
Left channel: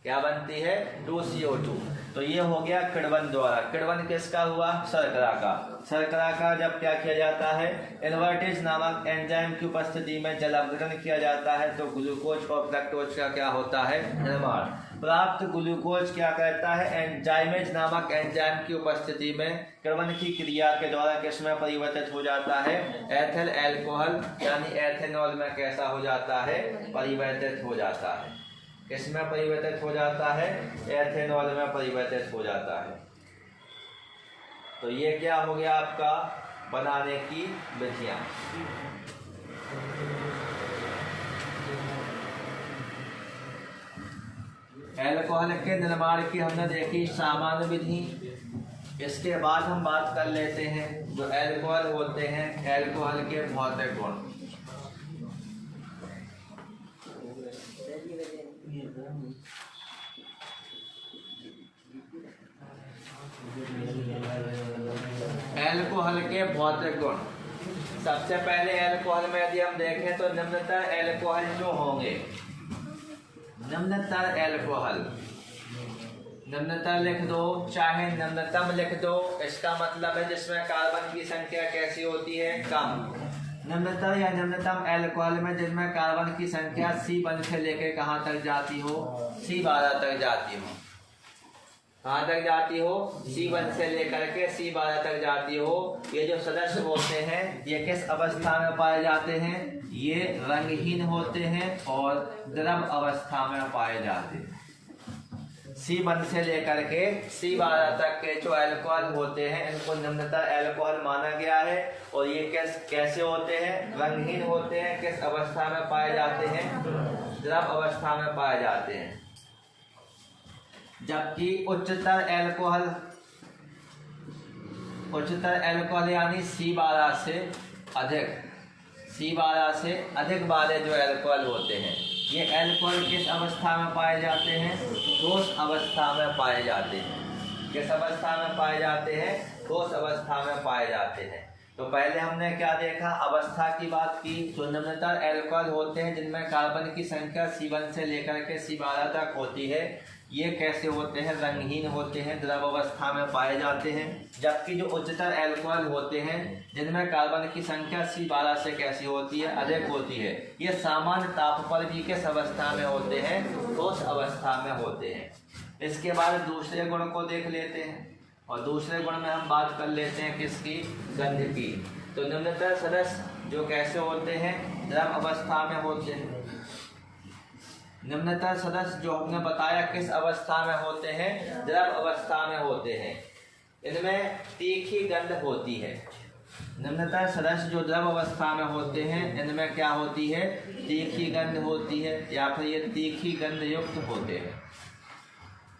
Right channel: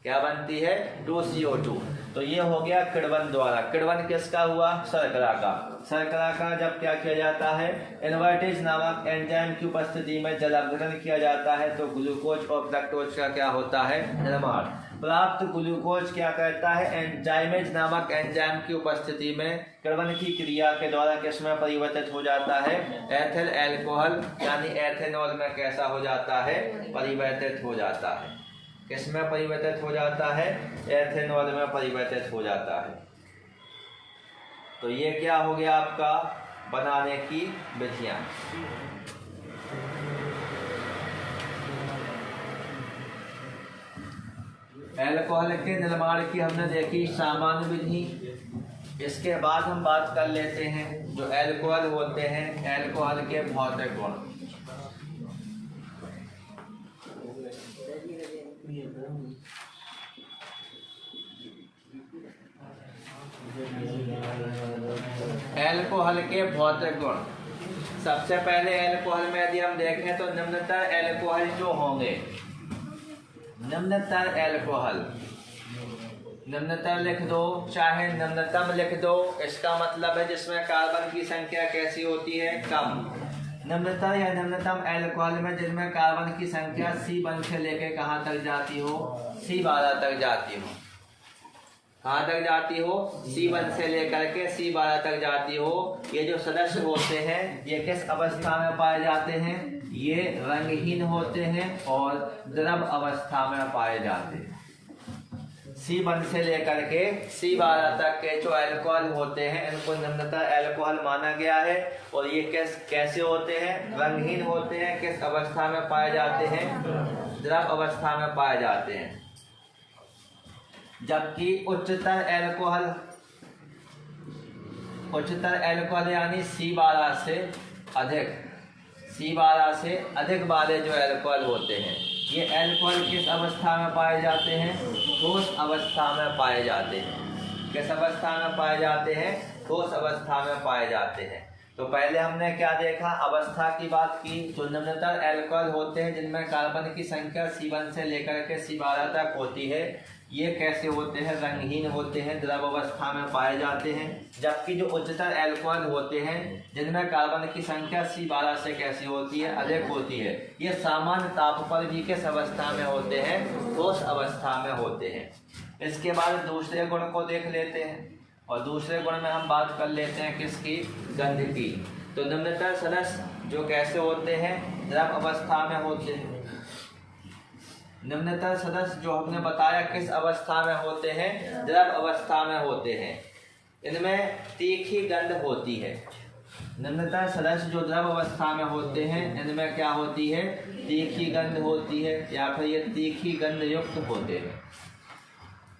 क्या बनती है, 2CO2। तो ये हो गया किण्वन द्वारा। किण्वन किसका हुआ, शर्करा का। शर्करा का जब क्या किया जाता है, इनवर्टेज नामक एंजाइम की उपस्थिति में जल अपघटन किया जाता है तो ग्लूकोज और लैक्टोज का क्या होता है, निर्माण। प्राप्त ग्लूकोज क्या करता है, एंजाइमेज नामक एंजाइम की उपस्थिति में किण्वन की क्रिया के द्वारा किसमें परिवर्तित हो जाता है, एथिल अल्कोहल यानी एथेनॉल में कैसा हो जाता है, परिवर्तित हो जाता है। किसमें परिवर्तित हो जाता है, एथेनॉल में परिवर्तित हो जाता है। तो ये क्या हो गया आपका बनाने की विधियां। अल्कोहल के निर्माण की हमने देखी सामान्य विधि। इसके बाद हम बात कर लेते हैं जो अल्कोहल होते हैं, अल्कोहल के भौतिक गुण। अल्कोहल के भौतिक गुण। सबसे पहले अल्कोहल में यदि हम देखें तो निम्नतर अल्कोहल जो होंगे, निम्नतर अल्कोहल, निम्नतर लिख दो चाहे निम्नतम लिख दो, इसका मतलब है जिसमें कार्बन की संख्या कैसी होती है, कम। निम्नतर या निम्नतम अल्कोहल में जिनमें कार्बन की संख्या C1 से लेकर कहाँ तक जाती हो, C12 तक जाती हो। कहाँ तक जाती हो, C1 से लेकर के C12 तक जाती हो। ये जो सदस्य होते हैं ये किस अवस्था में पाए जाते हैं, ये रंगहीन होते हैं और द्रव अवस्था में पाए जाते हैं। C1 से लेकर के C12 तक के जो अल्कोहल होते हैं इनको निम्नतर अल्कोहल माना गया है। और ये कैसे होते हैं, रंगहीन होते हैं। किस अवस्था में पाए जाते हैं, द्रव अवस्था में पाए जाते हैं। जबकि उच्चतर अल्कोहल यानी C12 से अधिक वाले जो अल्कोहल होते हैं ये अल्कोहल किस अवस्था में पाए जाते हैं, ठोस अवस्था में पाए जाते हैं। किस अवस्था में पाए जाते हैं, ठोस अवस्था में पाए जाते हैं। तो पहले हमने क्या देखा, अवस्था की बात की। तो निम्नतर एल्कोहल होते हैं जिनमें कार्बन की संख्या C1 से लेकर के C12 तक होती है। ये कैसे होते हैं, रंगहीन होते हैं, द्रव अवस्था में पाए जाते हैं। जबकि जो उच्चतर एल्कोहल होते हैं जिनमें कार्बन की संख्या C12 से कैसी होती है, अधिक होती है, ये सामान्य ताप पर भी किस अवस्था में होते हैं, ठोस अवस्था में होते हैं। इसके बाद दूसरे गुण को देख लेते हैं, और दूसरे गुण में हम बात कर लेते हैं किसकी, गंध की। तो निम्नतर सदस्य जो कैसे होते हैं, द्रव अवस्था में होते हैं। निम्नतर सदस्य जो हमने बताया किस अवस्था में होते हैं, द्रव अवस्था में होते हैं। इनमें तीखी गंध होती है। निम्नतर सदस्य जो द्रव अवस्था में होते हैं इनमें क्या होती है, तीखी गंध होती है, या फिर ये तीखी गंध युक्त होते हैं।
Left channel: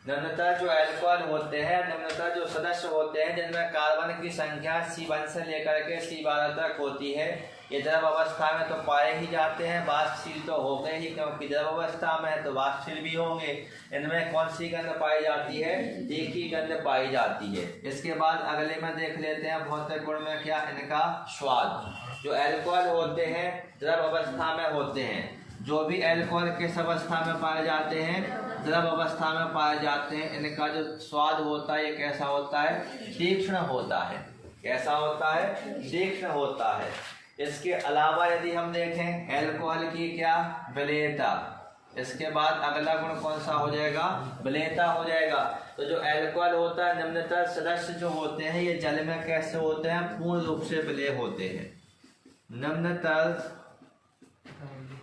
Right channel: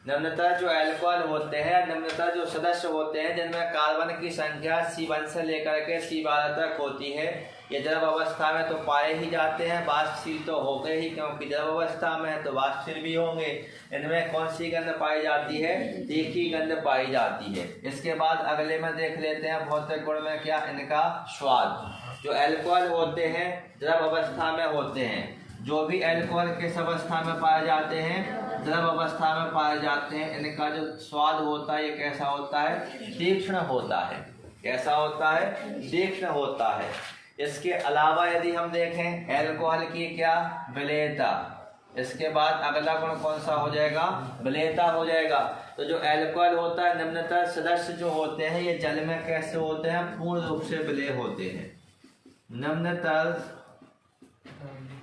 निम्नतर जो एल्कोहल होते हैं, निम्नतर जो सदस्य होते हैं जिनमें कार्बन की संख्या C1 से लेकर के C12 तक होती है, ये द्रव अवस्था में तो पाए ही जाते हैं, वाष्पशील तो हो गए ही, क्योंकि द्रव अवस्था में है तो वाष्पशील भी होंगे। इनमें कौन सी गंध पाई जाती है, तीखी गंध पाई जाती है। इसके बाद अगले में देख लेते हैं भौतिक गुण में क्या, इनका स्वाद। जो एल्कोहल होते हैं द्रव अवस्था में होते हैं, जो भी एल्कोहल किस अवस्था में पाए जाते हैं, द्रव अवस्था में पाए जाते हैं, इनका जो स्वाद होता है ये कैसा होता है, तीक्ष्ण होता है। कैसा होता है, तीक्ष्ण होता है। इसके अलावा यदि हम देखें एल्कोहल की क्या, विलेयता। इसके बाद अगला गुण कौन सा हो जाएगा, विलेयता हो जाएगा। तो जो एल्कोहल होता है, निम्नतर सदस्य जो होते हैं ये जल में कैसे होते हैं, पूर्ण रूप से विलेय होते हैं। निम्नतर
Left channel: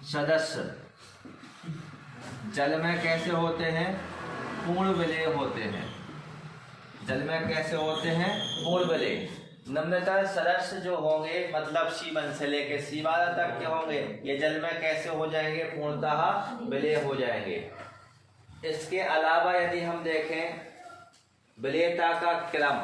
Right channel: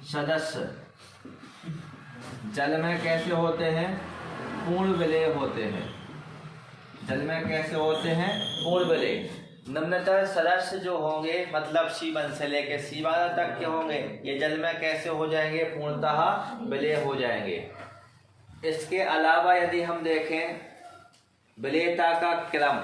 सदस्य जल में कैसे होते हैं, पूर्ण विलेय होते हैं। जल में कैसे होते हैं, पूर्ण विलेय। निम्नतर सदस्य जो होंगे मतलब C1 से लेकर C12 तक के होंगे, ये जल में कैसे हो जाएंगे, पूर्णतः विलेय हो जाएंगे। इसके अलावा यदि हम देखें विलेयता का क्रम,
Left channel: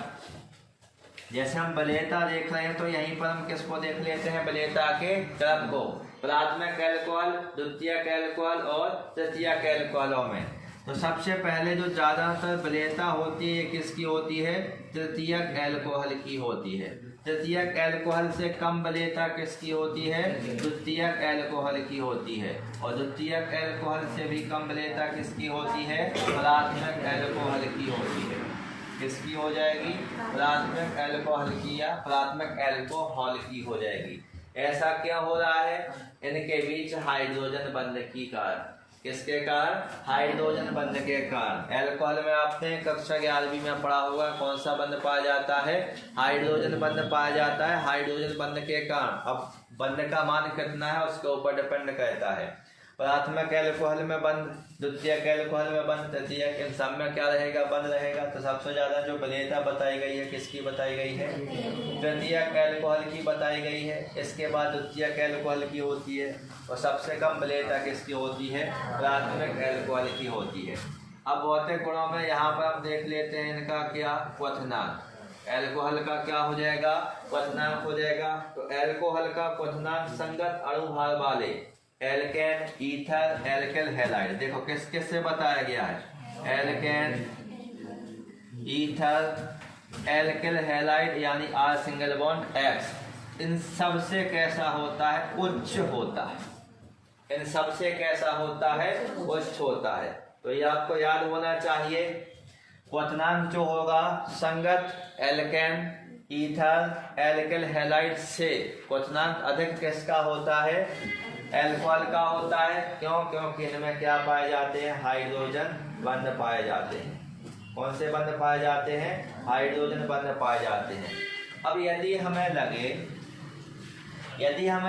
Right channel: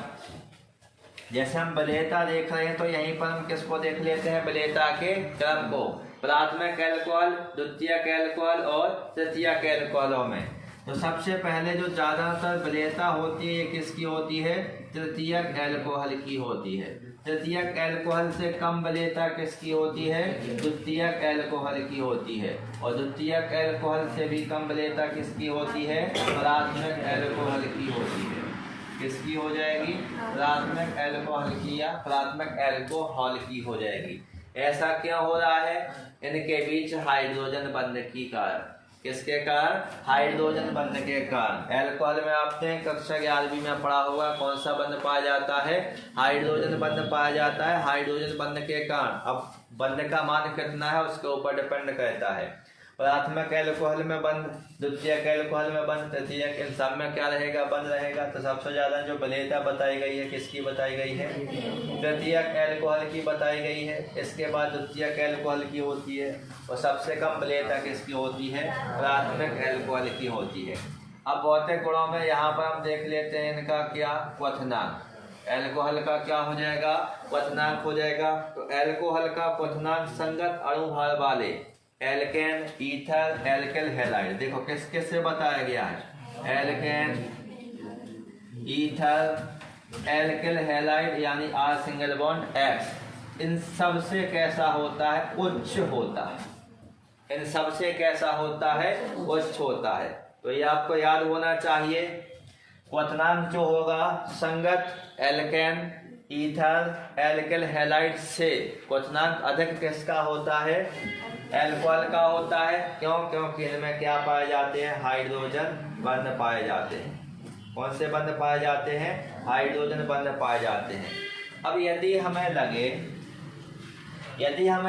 जैसे हम विलेयता देख रहे हैं तो यहीं पर हम किसको देख लेते हैं, विलेयता के क्रम को। प्राथमिक एल्कोहल, द्वितीयक एल्कोहल और तृतीयक एल्कोहलों में तो सबसे पहले जो ज्यादातर विलेयता होती है ये किसकी होती है, तृतीयक एल्कोहल की होती है। तृतीयक एल्कोहल से कम विलेयता किसकी होती है, द्वितीयक एल्कोहल की होती है। और द्वितीयक एल्कोहल से भी कम विलेयता किसकी होती है, प्राथमिक एल्कोहल की होती है। किसकी हो जाएगी, प्राथमिक एल्कोहल की या प्राथमिक एल्कोहल की हो जाएगी। ऐसा क्यों हो रहा है, इनके बीच हाइड्रोजन बंध की कारण। किसके कारण, हाइड्रोजन बंध के कारण। एल्कोहल में आपने कक्षा 11वीं में पढ़ा होगा कौन सा बंध पाया जाता है, हाइड्रोजन बंध पाया जाता है। हाइड्रोजन बंध के कारण अब बंध का मान कितना है उसके ऊपर डिपेंड करता है। प्राथमिक एल्कोहल में बंध, द्वितीयक एल्कोहल में बंध, तृतीयक, इन सब में क्या रहेगा, बंद रहेगा। तो सबसे ज्यादा जो विलेयता बताई गई है किसकी बताई गई है, तृतीयक एल्कोहल की बताई गई है। इसके बाद द्वितीयक एल्कोहल की होती है, और सबसे कम विलेयता किसकी होती है, प्राथमिक एल्कोहल की होती है। अब भौतिक गुणों में यहाँ पर हम देख लेते हैं इनका क्या, क्वथनांक। एल्कोहल का क्या हो जाएगा, क्वथनांक हो जाएगा। तो एल्कोहल का क्वथनांक संगत अणु भार वाले एल्केन, ईथर, एल्किल हैलाइड, देखो किस किस से बताया गया है, एल्केन, ईथर, एल्किल हैलाइड यानी R सिंगल बॉन्ड X, इन सब से कैसा होता है, उच्च होता है। इन सब से कैसा होता है, उच्च होता है। तो ये आपको याद होना चाहिए। क्वथनांक जो होगा संगत एल्केन, ईथर, एल्किल हैलाइड से क्वथनांक अधिक किसका होता है, एल्कोहल का होता है। क्यों, क्योंकि इनमें क्या पाए जाते हैं, हाइड्रोजन बंध पाए जाते हैं। कौन से बंध पाए जाते हैं, हाइड्रोजन बंध पाए जाते हैं। अब यदि हमें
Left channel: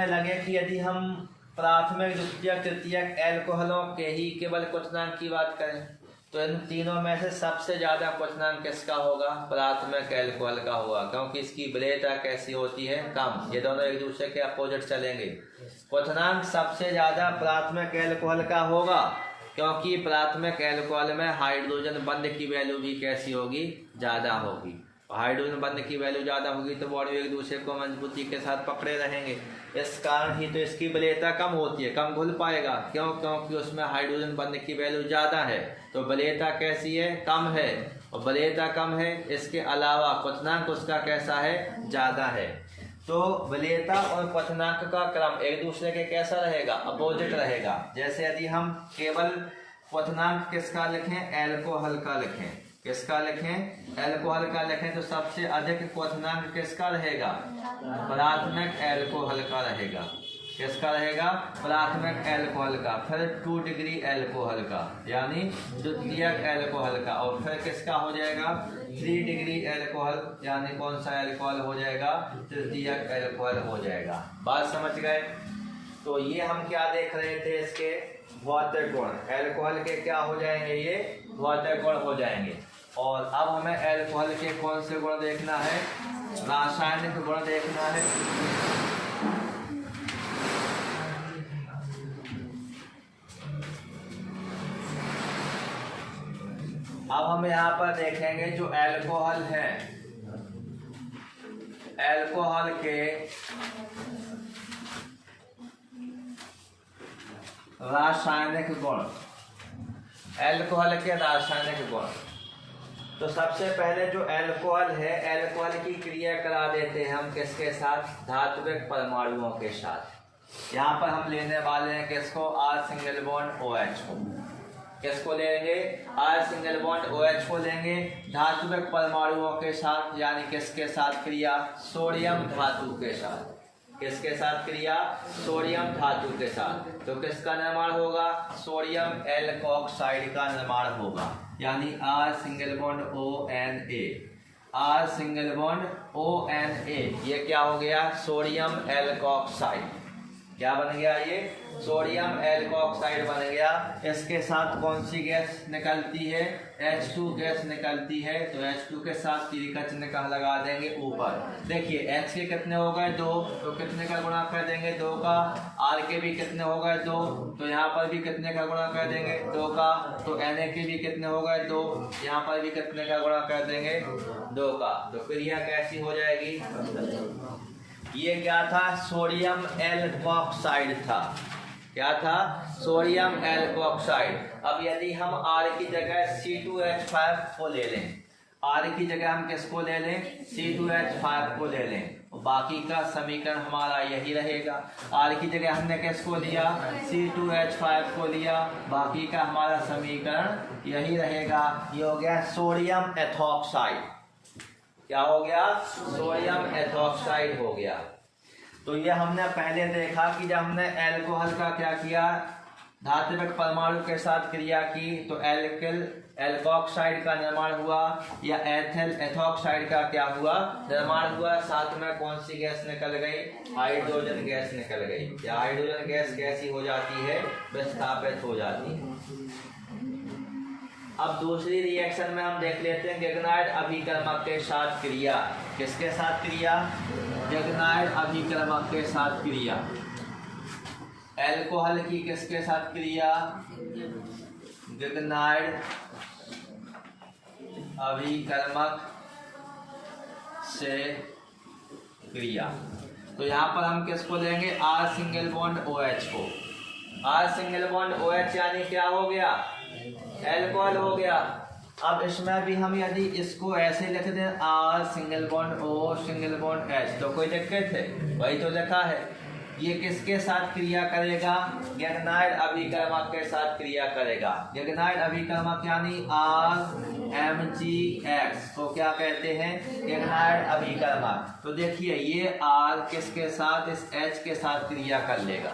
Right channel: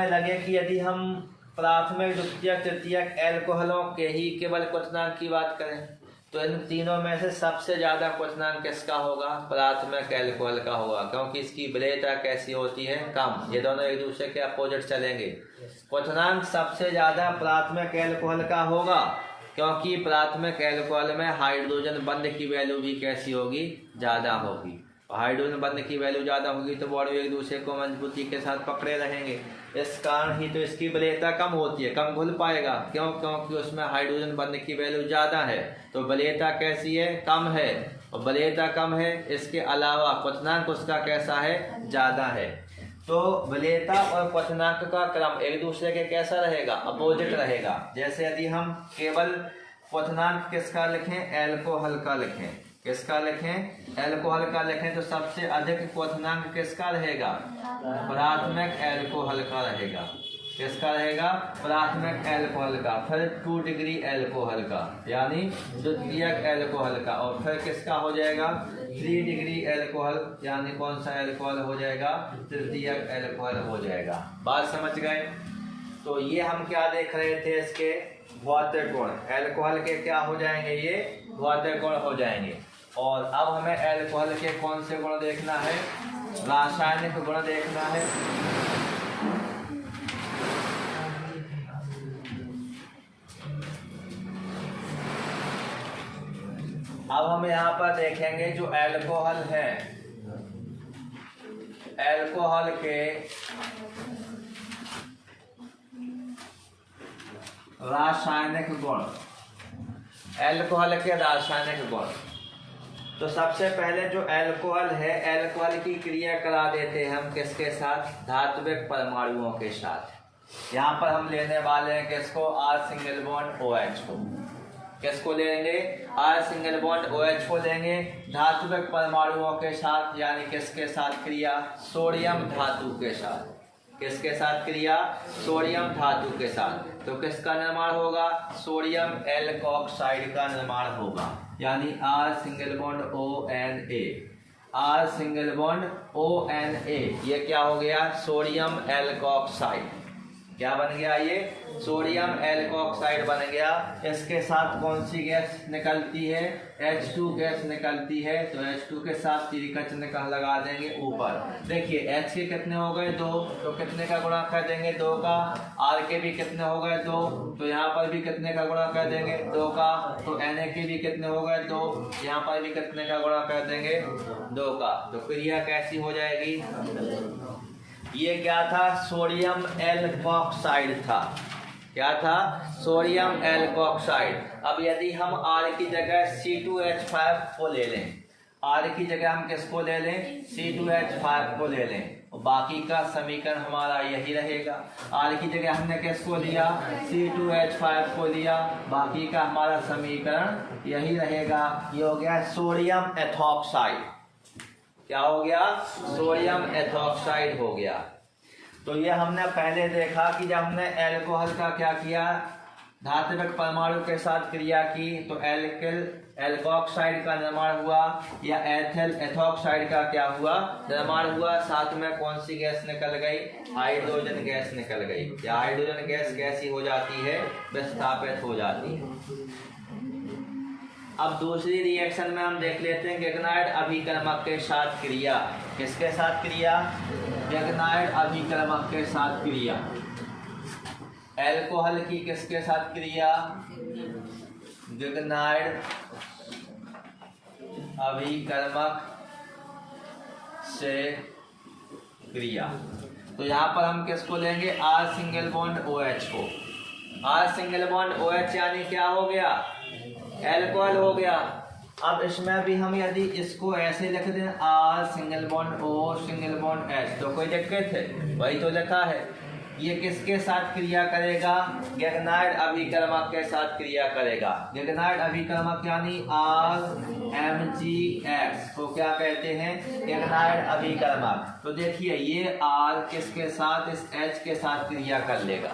लगे कि यदि हम प्राथमिक, द्वितीयक, तृतीयक एल्कोहलों के ही केवल क्वथनांक की बात करें तो इन तीनों में से सबसे ज्यादा क्वथनांक किसका होगा, प्राथमिक एल्कोहल का होगा, क्योंकि इसकी विलेयता कैसी होती है, कम। ये दोनों एक दूसरे के अपोजिट चलेंगे। क्वथनांक सबसे ज्यादा प्राथमिक एल्कोहल का होगा, क्योंकि प्राथमिक एल्कोहल में हाइड्रोजन बंध की वैल्यू भी कैसी होगी, ज्यादा होगी। हाइड्रोजन बंध की वैल्यू ज्यादा होगी तो बॉडी एक दूसरे को मजबूती के साथ पकड़े रहेंगे। इस कारण ही तो इसकी विलेयता कम होती है, कम घुल पाएगा। क्यों, क्योंकि उसमें हाइड्रोजन बंध की वैल्यू ज्यादा है, तो विलेयता कैसी है, कम है। और विलेयता कम है, इसके अलावा क्वथनांक उसका कैसा है, ज्यादा है। तो विलेयता और क्वथनांक का क्रम एक दूसरे के कैसा रहेगा, अपोजिट रहेगा। जैसे यदि हम केवल क्वथनांक किसका लिखें, एल्कोहल का लिखें, किसका लिखें, एल्कोहल का लिखें, तो सबसे अधिक क्वथनांक किसका रहेगा, प्राथमिक एल्कोहल का रहेगा। किसका रहेगा, प्राथमिक एल्कोहल का। फिर 2 डिग्री एल्कोहल का यानी द्वितीयक एल्कोहल का, और फिर किसका हो जाएगा, 3 डिग्री एल्कोहल यानी कौन सा एल्कोहल हो जाएगा, तृतीयक एल्कोहल हो जाएगा। बात समझ गए। तो ये हम क्या देख रहे थे, इसके भौतिक गुण, एल्कोहल के क्या हो जाएंगे, ये भौतिक गुण हो जाएंगे। और अब हमें एल्कोहल के कौन से गुण देखना है, रासायनिक गुण देखना है। अब हम यहाँ पर देखेंगे जो एल्कोहल है, एल्कोहल के रासायनिक गुण, एल्कोहल के रासायनिक गुण। तो सबसे पहले जो एल्कोहल है, एल्कोहल की क्रिया करा देते हैं हम किसके साथ, धात्विक परमाणुओं के साथ। यहाँ पर हम लेने वाले हैं किसको, R सिंगल बॉन्ड OH को। किसको लेंगे, R सिंगल बॉन्ड OH को लेंगे धात्विक परमाणुओं के साथ, यानी किसके साथ क्रिया, सोडियम धातु के साथ। किसके साथ क्रिया, सोडियम धातु के साथ। तो किसका निर्माण होगा, सोडियम एल्कोक्साइड का निर्माण होगा, यानी R single bond ONA, R single bond ONA, ये क्या हो गया, सोडियम एल्कोक्साइड। क्या बन गया, ये सोडियम एल्कोक्साइड बन गया। इसके साथ कौन सी गैस निकलती है, H2 गैस निकलती है। तो H2 के साथ तीर का चिन्ह कहाँ लगा देंगे, ऊपर। देखिए H के कितने हो गए, 2, तो कितने का गुणा कर देंगे, 2 का। R के भी कितने हो गए, 2, तो यहाँ पर भी कितने का गुणा कर देंगे, 2 का। तो Na के भी कितने हो गए, 2, यहाँ पर भी कितने का गुणा कर देंगे, 2 का। तो क्रिया कैसी हो जाएगी, ये क्या था, सोडियम एल्कोक्साइड था। क्या था, सोडियम एल्कोक्साइड। अब यदि हम R की जगह C2H5 को ले लें, R की जगह हम किसको ले लें, C2H5 को ले लें, बाकी का समीकरण हमारा यही रहेगा। R की जगह हमने किसको लिया, C2H5 को लिया, बाकी का हमारा समीकरण यही रहेगा। ये हो गया सोडियम एथॉक्साइड। क्या हो गया, सोडियम एथॉक्साइड हो गया। तो ये हमने पहले देखा कि जब हमने एल्कोहल का क्या किया, धात्विक परमाणु के साथ क्रिया की, तो एल्किल एल्कोक्साइड का निर्माण हुआ, या एथिल एथॉक्साइड का क्या हुआ, निर्माण हुआ। साथ में कौन सी गैस निकल गई, हाइड्रोजन गैस निकल गई। या हाइड्रोजन गैस कैसी हो जाती है, विस्थापित हो जाती है। अब दूसरी रिएक्शन में हम देख लेते हैं गैगनाइड अभिकर्मक के साथ क्रिया। किसके साथ क्रिया, गैगनाइड अभिकर्मक के साथ क्रिया। एल्कोहल की किसके साथ क्रिया, गैगनाइड अभिकर्मक से क्रिया। तो यहाँ पर हम किसको लेंगे, R सिंगल बॉन्ड OH को। R सिंगल बॉन्ड OH यानी क्या हो गया, एल्कोहल हो गया। अब इसमें भी हम यदि इसको ऐसे लिख दें, R single bond O single bond H, तो कोई दिक्कत है, वही तो लिखा है। ये किसके साथ क्रिया करेगा, गैगनाइड अभिकर्मक के साथ क्रिया करेगा। गैगनाइड अभिकर्मक यानी RMgX को क्या कहते हैं, गैगनाइड अभिकर्मक। तो देखिए ये R किसके साथ, इस H के साथ क्रिया कर लेगा।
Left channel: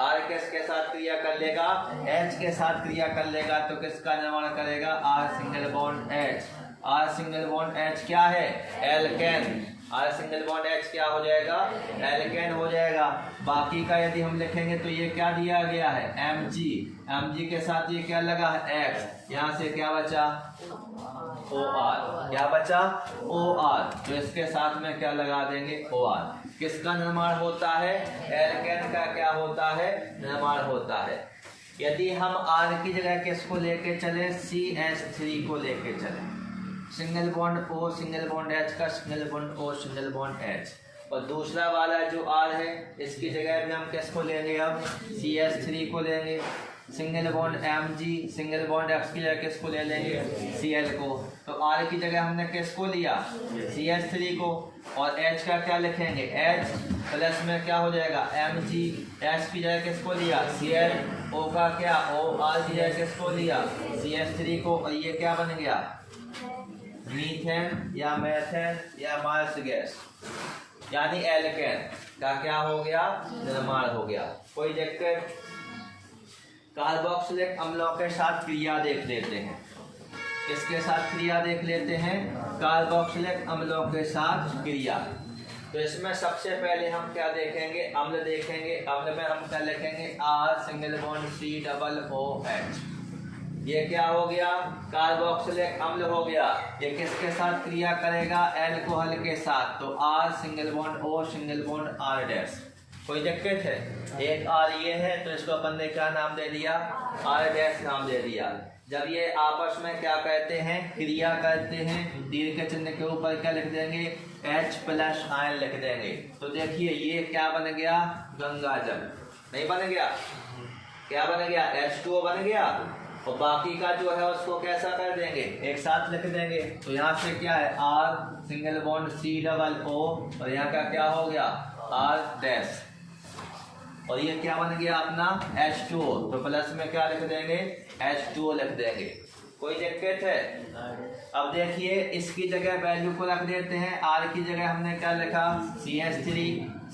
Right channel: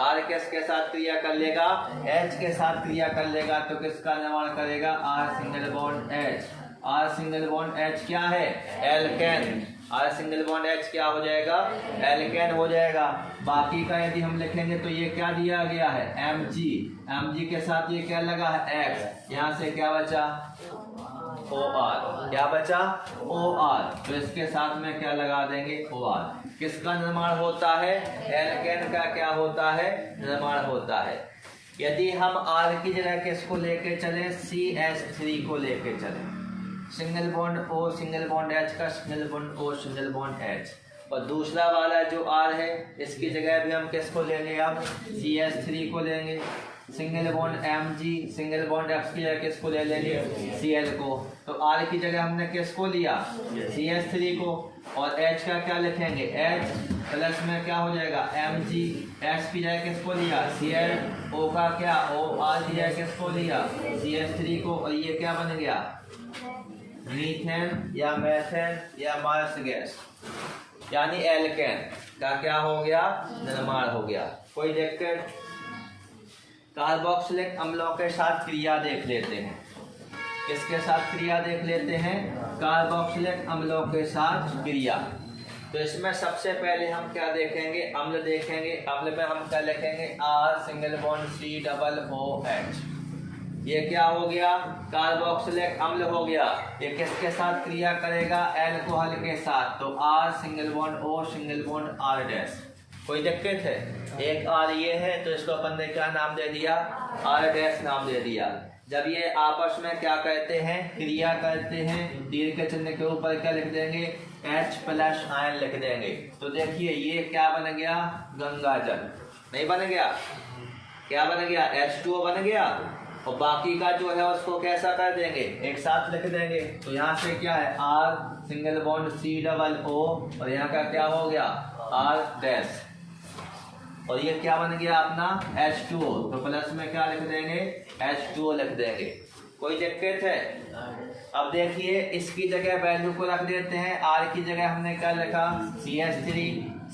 R किसके साथ क्रिया कर लेगा, H के साथ क्रिया कर लेगा। तो किसका निर्माण करेगा, R single bond H। R single bond H क्या है, alkane. R single bond H क्या हो जाएगा, एल्केन हो जाएगा। बाकी का यदि हम लिखेंगे तो ये क्या दिया गया है, Mg के साथ ये क्या लगा है, X। यहाँ से क्या बचा, OR। क्या बचा, OR। तो इसके साथ में क्या लगा देंगे, OR। किसका निर्माण होता है, एल्केन का क्या होता है, निर्माण होता है। यदि हम R की जगह किसको लेके चले, CH3 को लेके चले, single bond O single bond H का single bond O single bond H। और दूसरा वाला जो R है, इसकी जगह भी हम किसको लेंगे, अब CH3 को लेंगे। Single bond Mg, single bond X की जगह किसको ले लेंगे, Cl को। तो R की जगह हमने किसको लिया, CH3 को। और H का क्या लिखेंगे, H प्लस में क्या हो जाएगा Mg, H की जगह किसको लिया, Cl, O का क्या O, R की जगह किसको लिया, CH3 को। और ये क्या बन गया, मीथेन या मेथेन या मार्स गैस, यानी एल्केन का क्या हो गया, निर्माण हो गया। कोई दिक्कत। कार्बोक्सिलिक अम्लों के साथ क्रिया देख लेते हैं। किसके साथ क्रिया देख लेते हैं, कार्बोक्सिलिक अम्लों के साथ क्रिया। तो इसमें सबसे पहले हम क्या देखेंगे, अम्ल देखेंगे। अम्ल में हम क्या लिखेंगे, R सिंगल बॉन्ड COOH। ये क्या हो गया, कार्बोक्सिलिक अम्ल हो गया। ये किसके साथ क्रिया करेगा, एल्कोहल के साथ। तो R single bond O single bond R dash. कोई दिक्कत है, एक R ये है तो इसको अपन ने क्या नाम दे दिया, R डैश नाम दे दिया। जब ये आपस में क्या कहते हैं, क्रिया करते हैं, दीर्घ के चिन्ह के ऊपर क्या लिख देंगे, H प्लस आयन लिख देंगे। तो देखिए ये क्या बन गया, गंगा जल। नहीं बन गया, क्या बन गया, H2O बन गया। और बाकी का जो है उसको कैसा कर देंगे, एक साथ लिख देंगे। तो यहाँ से क्या है, R सिंगल बॉन्ड COO और यहाँ का क्या हो गया, R डैश। और ये क्या बन गया अपना H2O। तो प्लस में क्या लिख देंगे, H2O लिख देंगे। कोई दिक्कत है। अब देखिए इसकी जगह वैल्यू को रख देते हैं। R की जगह हमने क्या लिखा, CH3,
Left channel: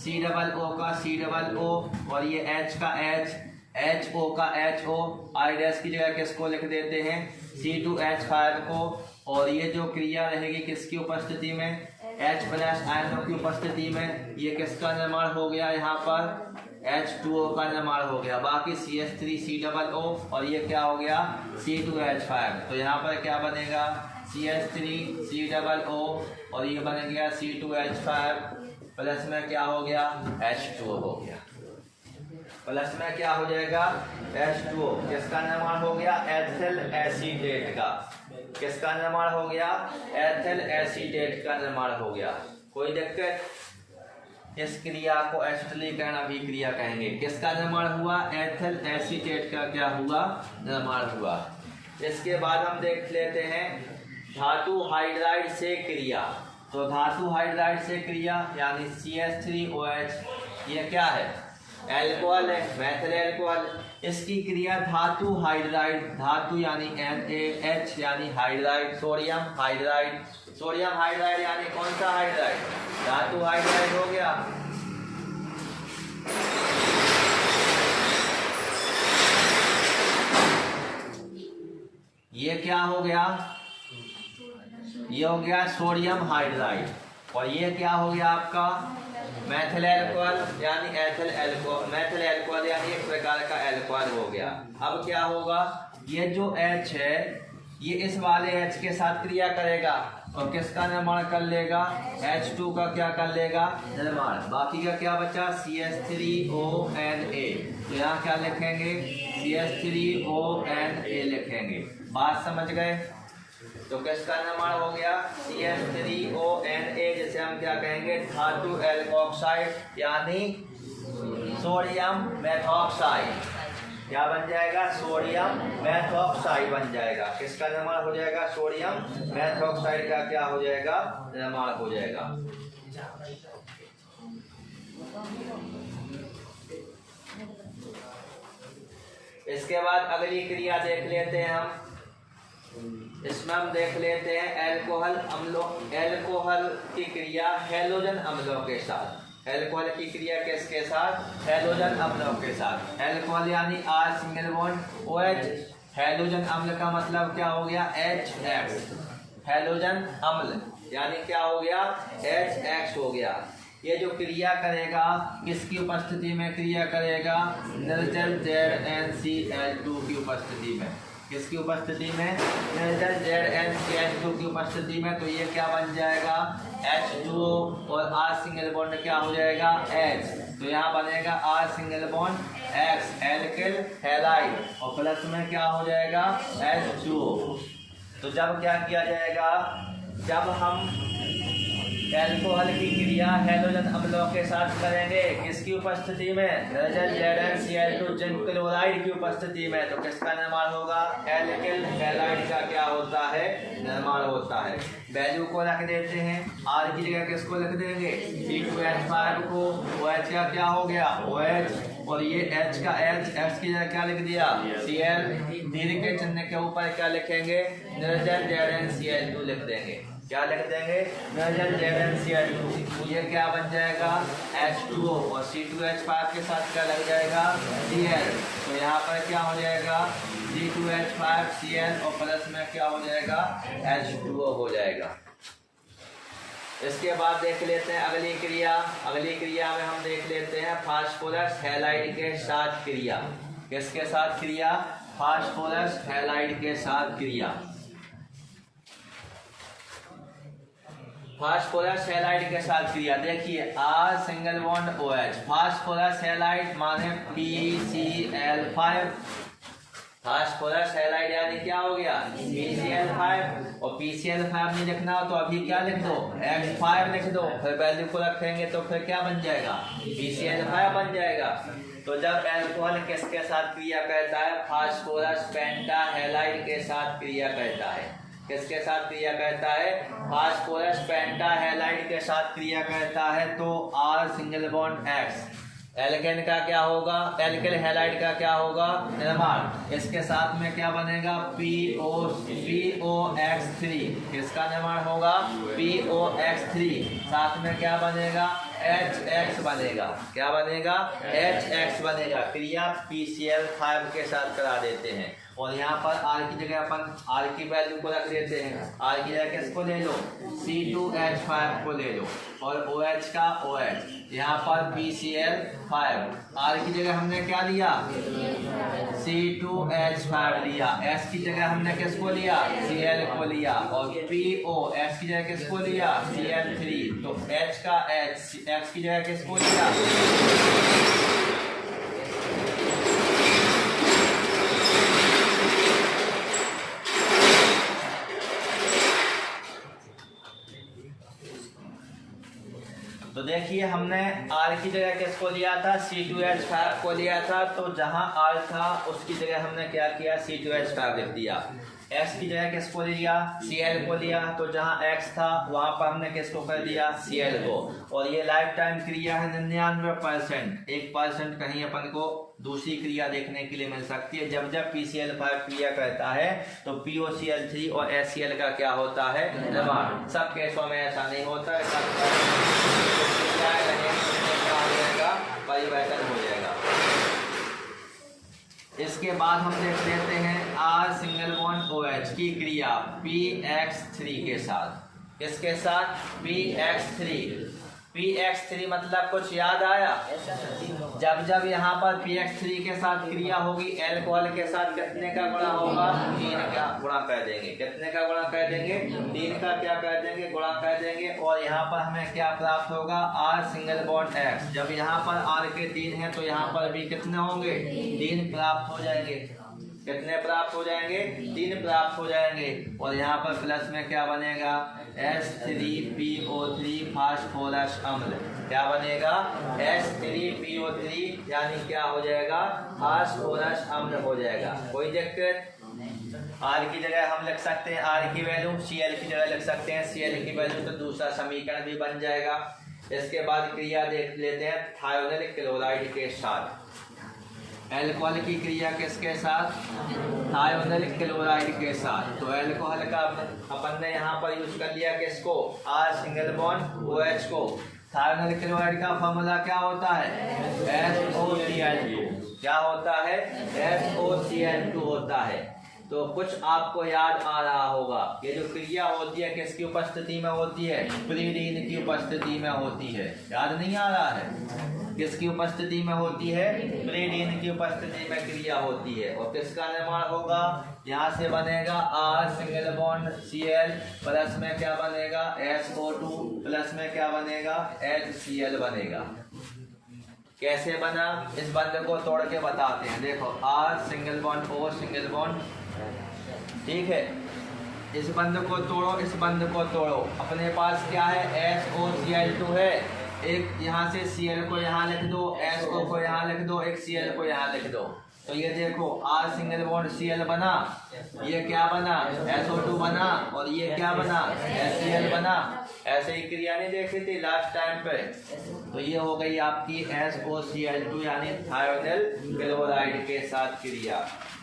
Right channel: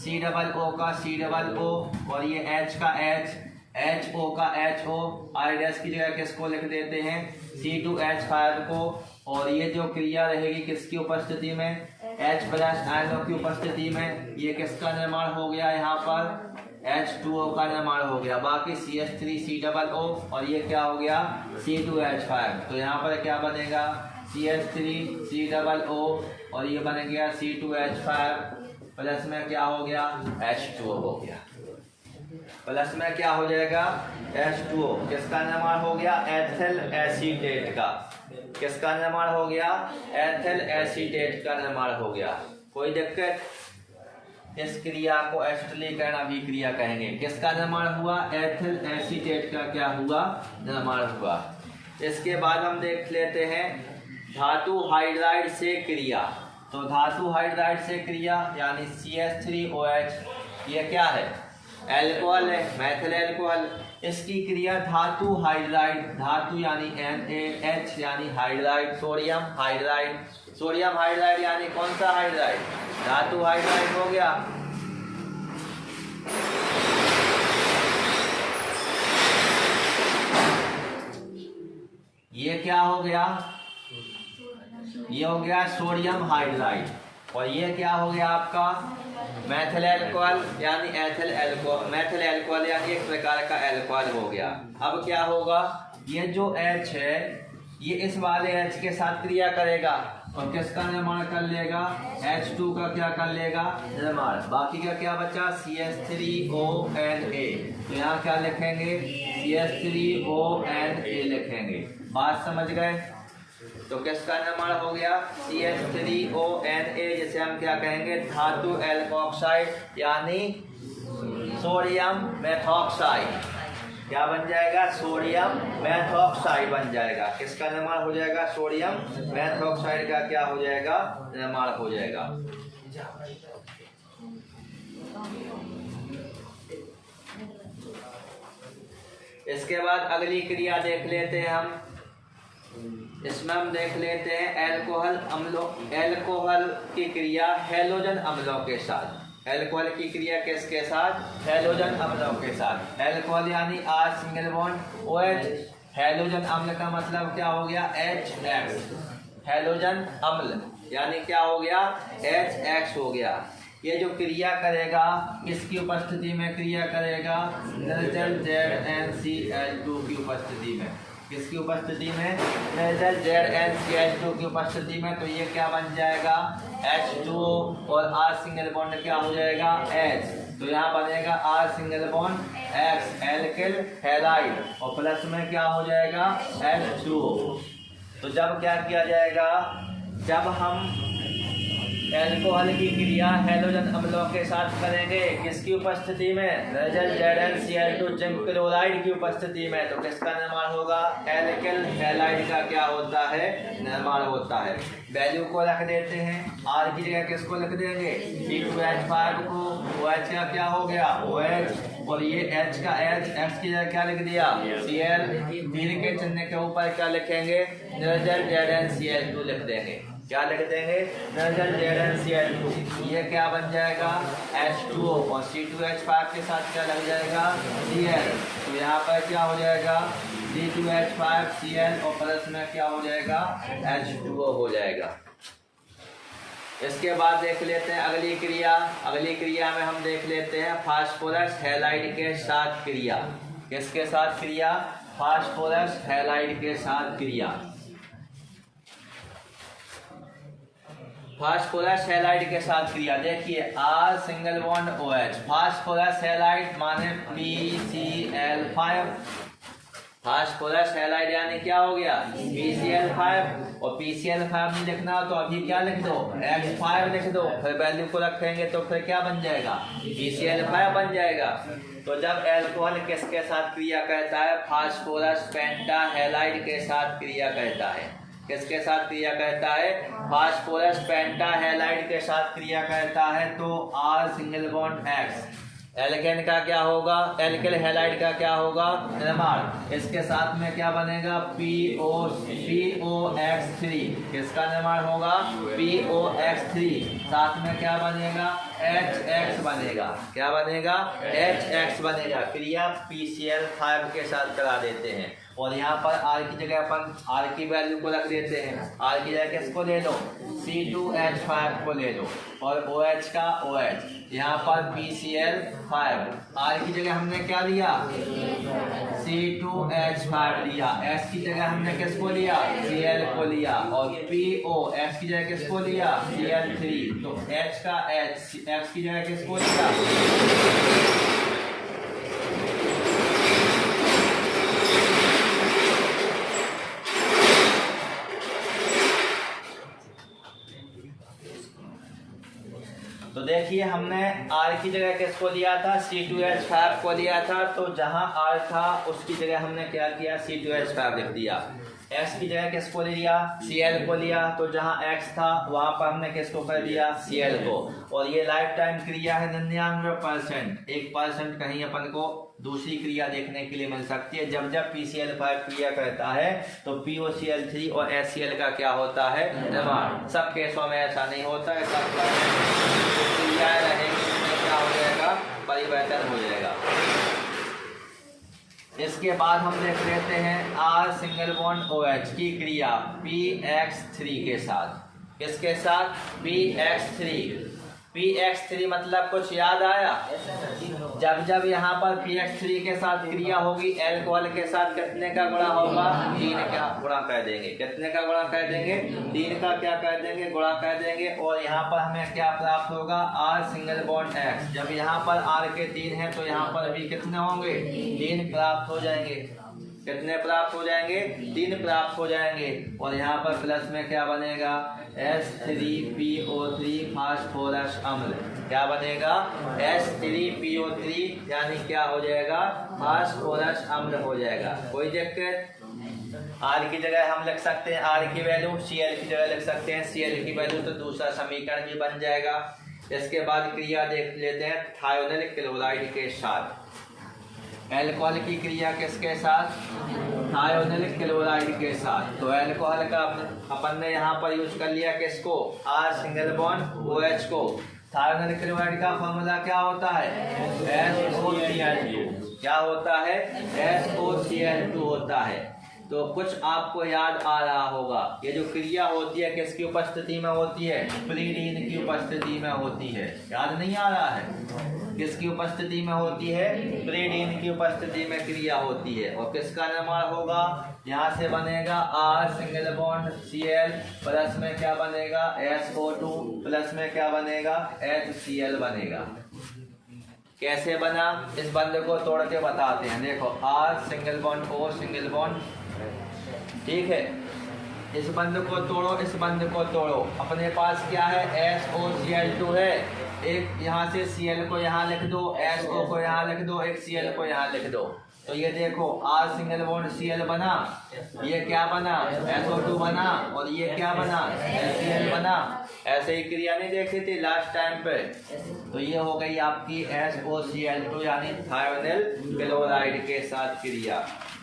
COO का COO और ये H का H, HO का HO। R डैश की जगह किसको लिख देते हैं, C2H5 को। और ये जो क्रिया रहेगी किसकी उपस्थिति में, H प्लस आयनों की उपस्थिति में। ये किसका निर्माण हो गया, यहाँ पर H2O का निर्माण हो गया। बाकी CH3 COO और ये क्या हो गया, C2H5। तो यहाँ पर क्या बनेगा, CH3 COO और ये बन गया C2H5 प्लस में क्या हो गया, H2O हो गया। प्लस में क्या हो जाएगा, H2O। किसका निर्माण हो गया, एथिल एसीटेट का। किसका निर्माण हो गया, एथिल एसीटेट का निर्माण हो गया। कोई दिक्कत। इस क्रिया को एसिटिलीकरण अभिक्रिया कहेंगे। किसका निर्माण हुआ, एथिल एसीटेट का क्या हुआ, निर्माण हुआ। इसके बाद हम देख लेते हैं धातु हाइड्राइड से क्रिया। तो धातु हाइड्राइड से क्रिया यानी CH3OH, ये क्या है, एल्कोहल है, मैथिल एल्कोहल। इसकी क्रिया धातु हाइड्राइड, धातु यानी NaH यानी hydride, sodium hydride. Sodium hydride यानी कौन सा हाइड्राइड, धातु हाइड्राइड हो गया। ये क्या हो गया, ये हो गया सोडियम हाइड्राइड। और ये क्या हो गया आपका मैथिल एल्कोहल यानी एथिल एल्कोहल। मैथिल एल्कोहल यानी एक प्रकार का एल्कोहल हो गया। अब क्या होगा, ये जो H है ये इस वाले H के साथ क्रिया करेगा और किसका निर्माण कर लेगा, H2 का क्या कर लेगा, निर्माण। बाकी का क्या बचा, CH3ONA। तो यहाँ क्या लिखेंगे, CH3ONA लिखेंगे। बात समझ गए। तो किसका निर्माण हो गया, CH3ONA, जिसे हम क्या कहेंगे, धातु एल्कोक्साइड यानी सोडियम मेथॉक्साइड। क्या बन जाएगा, सोडियम मेथॉक्साइड बन जाएगा। किसका निर्माण हो जाएगा, सोडियम मेथॉक्साइड का क्या हो जाएगा, निर्माण हो जाएगा। इसके बाद अगली क्रिया देख लेते हैं हम। इसमें हम देख लेते हैं एल्कोहल अम्लों, एल्कोहल की क्रिया हैलोजन अम्लों के साथ। एल्कोहल की क्रिया किसके साथ, हैलोजन अम्लों के साथ। एल्कोहल यानी R single bond OH। Halogen अम्ल का मतलब क्या हो गया, HX। हैलोजन अम्ल यानी क्या हो गया, HX हो गया। ये जो क्रिया करेगा किसकी उपस्थिति में क्रिया करेगा, निर्जल ZnCl2 की उपस्थिति में। किसकी उपस्थिति में, निर्जल ZnCl2 की उपस्थिति में। तो ये क्या बन जाएगा, H2O और R सिंगल बॉन्ड क्या हो जाएगा, H। तो यहाँ बनेगा R single bond X, alkyl halide. और प्लस में क्या हो जाएगा, H2O। तो जब क्या किया जाएगा, जब हम एल्कोहल की क्रिया हैलोजन अम्लों के साथ करेंगे, किसकी उपस्थिति में? नाइट्रोजन ZnCl2 जिंक क्लोराइड की उपस्थिति में। तो किसका निर्माण होगा? एल्किल हैलाइड का क्या होता है? निर्माण होता है। वैल्यू को रख देते हैं, R की जगह किसको लिख देंगे? C2H5 को। OH का क्या हो गया? OH, और ये H का H, X की जगह क्या लिख दिया? Cl। तीर के चिन्ह के ऊपर क्या लिखेंगे? नाइट्रोजन ZnCl2 लिख देंगे। क्या लिख देंगे? Nitrogen ZnCl2। ये क्या बन जाएगा? H2O, और C2H5 के साथ क्या लग जाएगा? Cl। तो यहाँ पर क्या हो जाएगा? C2H5 Cl, और प्लस में क्या हो जाएगा? H2O हो जाएगा। इसके बाद देख लेते हैं अगली क्रिया। अगली क्रिया में हम देख लेते हैं फास्फोरस हैलाइड के साथ क्रिया। किसके साथ क्रिया? फास्फोरस हैलाइड के साथ क्रिया। फास्फोरस हैलाइड के साथ क्रिया देखिए, R single bond OH, phosphorus halide माने PCl5। फास्फोरस हैलाइड यानी क्या हो गया? PCl5, और PCl5 नहीं लिखना हो तो अभी क्या लिख दो? X5 लिख दो, फिर वैल्यू को रखेंगे तो फिर क्या बन जाएगा? PCl5 बन जाएगा। तो जब एल्कोहल किसके साथ क्रिया करता है? फास्फोरस पेंटाहैलाइड के साथ क्रिया करता है। किसके साथ क्रिया करता है? फास्फोरस पेंटाहैलाइड के साथ क्रिया करता है। तो R single bond X, alkane का क्या होगा? एल्किल हैलाइड का क्या होगा? निर्माण। इसके साथ में क्या बनेगा? POX3। किसका निर्माण होगा? POX3। साथ में क्या बनेगा? HX बनेगा। क्या बनेगा? HX बनेगा। क्रिया PCl5 के साथ करा देते हैं, और यहाँ पर R की जगह अपन R की वैल्यू को रख देते हैं। R की जगह किसको ले लो? C2H5 को ले लो, और OH का OH, यहाँ पर PCl5। R की जगह हमने क्या लिया? C2H5 लिया। S की जगह हमने किसको लिया? Cl को लिया, और POX की जगह किसको लिया? Cl3। तो H का H, X की जगह किसको लिया? तो देखिए हमने R की जगह किसको लिया था? C2H5 को लिया था। तो जहां R था उसकी जगह हमने क्या किया? C2H5 लिख दिया। X की जगह किसको लिया? Cl को लिया। तो जहां X था वहां पर हमने किसको कर दिया? Cl को। और ये लाइफ टाइम क्रिया है 99%। 1% कहीं अपन को दूसरी क्रिया देखने के लिए मिल सकती है। जब जब PCl5 क्रिया करता है तो POCl3 और HCl का क्या होता है? निर्माण। सब केसों में ऐसा नहीं होता है, सब परिवर्तन हो जाएगा। इसके बाद हम देख लेते हैं R सिंगल बॉन्ड OH की क्रिया PX3 के साथ। किसके साथ? PX3। PX3 मतलब कुछ याद आया? जब जब यहाँ पर PX3 के साथ क्रिया होगी एल्कोहल के साथ कितने का गुणा होगा? 3 का गुणा कर देंगे। कितने का गुणा कर देंगे? 3 का क्या कर देंगे? गुणा कर देंगे। और यहाँ पर हमें क्या प्राप्त होगा? R single bond X। जब यहाँ पर R के 3 है तो यहाँ पर भी कितने होंगे? 3 प्राप्त हो जाएंगे। कितने प्राप्त हो जाएंगे? 3 प्राप्त हो जाएंगे। और यहाँ पर प्लस में क्या बनेगा? H3PO3 फास्फोरस अम्ल। क्या बनेगा? H3PO3 यानी क्या हो जाएगा? फास्फोरस अम्ल हो जाएगा। कोई दिक्कत? R की जगह हम लिख सकते हैं R की वैल्यू, Cl की जगह लिख सकते हैं Cl की वैल्यू, तो दूसरा समीकरण भी बन जाएगा। इसके बाद क्रिया देख लेते हैं थायोनिल क्लोराइड के साथ। एल्कोहल की क्रिया किसके साथ? थायोनिल क्लोराइड के साथ। तो एल्कोहल का अपन ने यहाँ पर यूज कर लिया किसको? R सिंगल बॉन्ड OH को। थायोनिल क्लोराइड का फॉर्मूला क्या होता है? SOCl2। क्या होता है? SOCl2 होता है। तो कुछ आपको याद आ रहा होगा, ये जो क्रिया होती है किसकी उपस्थिति में होती है? प्रीडीन की उपस्थिति में होती है। याद नहीं आ रहा है? किसकी उपस्थिति में होती है? प्रीडीन की उपस्थिति में क्रिया होती है। और किसका निर्माण होगा? यहाँ से बनेगा R single bond Cl, plus में क्या बनेगा? SO2, प्लस में क्या बनेगा? HCl बनेगा। कैसे बना? इस बंद को तोड़ के बताते हैं। देखो R single bond O single bond, ठीक है। इस बंध को तोड़ो, इस बंध को तोड़ो। अपने पास क्या है, SOCl2 है। एक यहाँ से Cl को यहाँ लिख दो, SO को यहाँ लिख दो, एक Cl को यहाँ लिख दो। तो ये देखो R सिंगल बॉन्ड Cl बना, ये क्या बना, SO2 बना, और ये क्या बना, HCl बना। ऐसे ही क्रिया नहीं देखी थी लास्ट टाइम पे। तो ये हो गई आपकी SOCl2 यानी थायोनिल क्लोराइड के साथ क्रिया।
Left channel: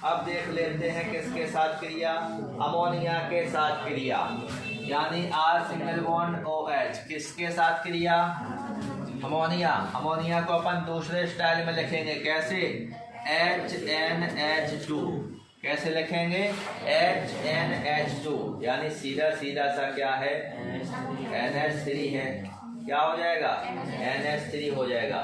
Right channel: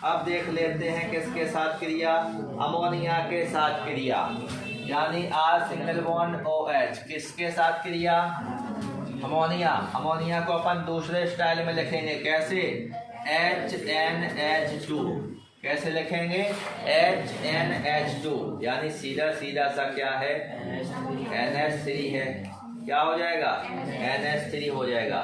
अब देख लेते हैं किसके साथ क्रिया, अमोनिया के साथ क्रिया, यानी R सिंगल बॉन्ड OH किसके साथ क्रिया, अमोनिया। अमोनिया को अपन दूसरे स्टाइल में लिखेंगे, कैसे, HNH2। कैसे लिखेंगे, HNH2, यानी सीधा सीधा सा क्या है, NH3 है। क्या हो जाएगा, NH3 हो जाएगा।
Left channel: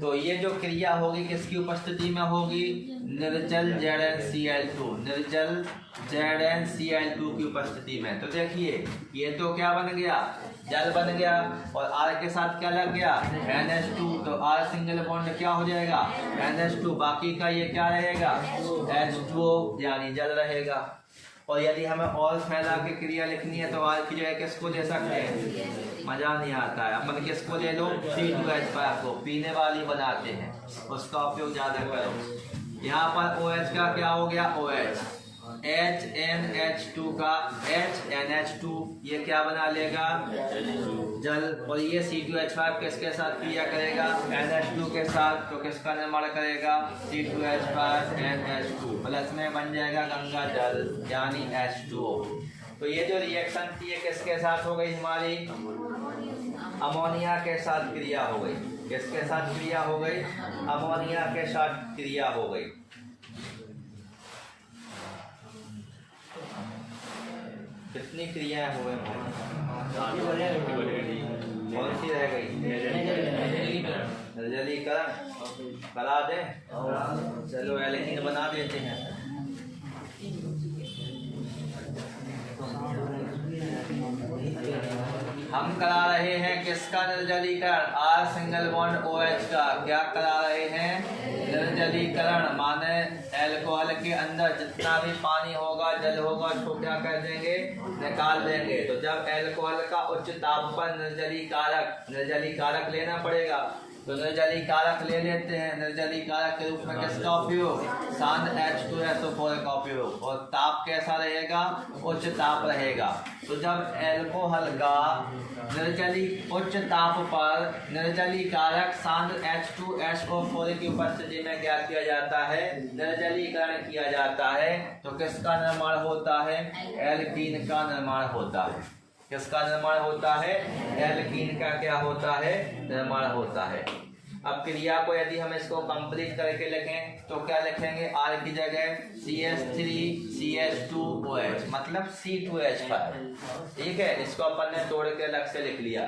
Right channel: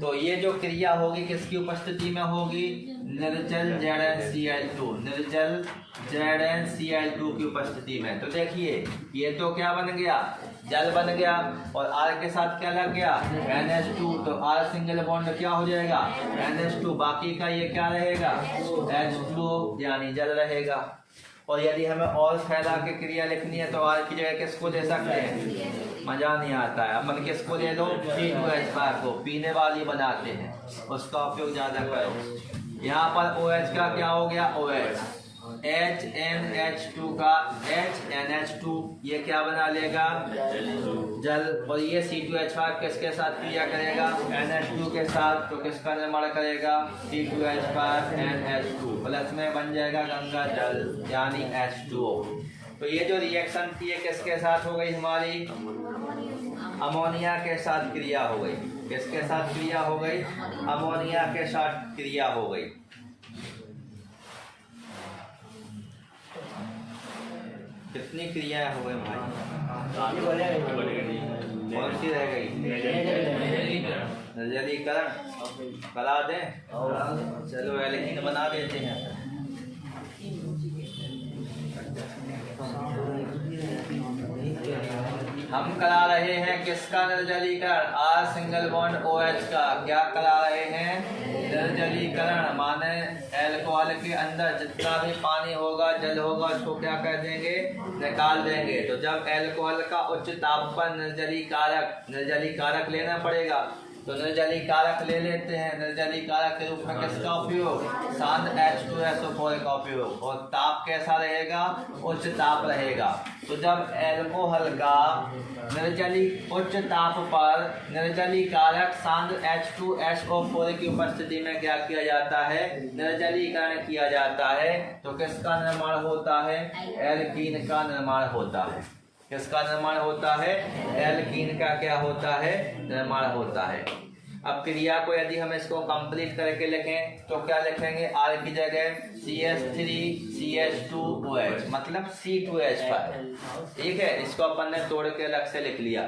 तो ये जो क्रिया होगी किसकी उपस्थिति में होगी, निर्जल ZnCl2, निर्जल ZnCl2 की उपस्थिति में। तो देखिए ये तो क्या बन गया, जल बन गया, और R के साथ क्या लग गया, NH2। तो R सिंगल बॉन्ड क्या हो जाएगा, NH2, बाकी का ये क्या रहेगा, H2O यानी जल रहेगा। और यदि हमें और फैला के क्रिया लिखनी है तो R की जगह किसको ले सकते हैं, मजा नहीं आता है, अपन किसको ले लो, C2H5 को, पीने वाली बनाते हैं, उसका उपयोग ज्यादा करो। यहाँ पर OH का क्या हो गया, OH, HNH2 का HNH2, ये क्या बना लेगा, जल। और ये C2H5 किसके साथ क्रिया करेगा, NH2 के साथ। तो किसका निर्माण करेगा, C2H5NH2, प्लस में बन जाएगा गंगा जल यानी H2O। तो ये जो रिएक्शन थी ये किसके साथ हो गई हमारी, अमोनिया के साथ क्रिया हो गई। किसके साथ क्रिया हो गई, अमोनिया के साथ क्रिया हो गई। कितनी क्रियाएं हुए भाई, कौन सी रह गई, निर्जलीकरण करा दे, चलो एल्कीन बना देते हैं। हम करा रहे हैं किसका निर्जलीकरण, R सिंगल बॉन्ड OH का। क्या करा रहे हैं, निर्जलीकरण, माने अल्कोहल के अंदर जितना भी पानी होगा, जल होगा, उसको क्या कर देंगे, निकाल देंगे। तो जब अल्कोहल का उच्च ताप पर निर्जलीकारक लेना पड़ेगा, तो निर्जलीकारक ले लेते हैं। निर्जलीकारक के रूप में किसका उपयोग, शांत H2SO4 का उपयोग। और ताप कैसा रहेगा, उच्च ताप रहेगा। तो जब अल्कोहल का उच्च ताप पर निर्जलीकारक शांत H2SO4 की उपस्थिति में क्या किया जाता है, निर्जलीकरण किया जाता है, तो किसका निर्माण होता है, एल्कीन का निर्माण होता है। किसका निर्माण होता है, एल्कीन का क्या होता है, निर्माण होता है। अब क्रिया को यदि हम इसको कंप्लीट करके लिखें तो क्या लिखेंगे, R की जगह CH3CH2OH मतलब C2H5। ठीक है, इसको अपन ने तोड़ के अलग से लिख लिया।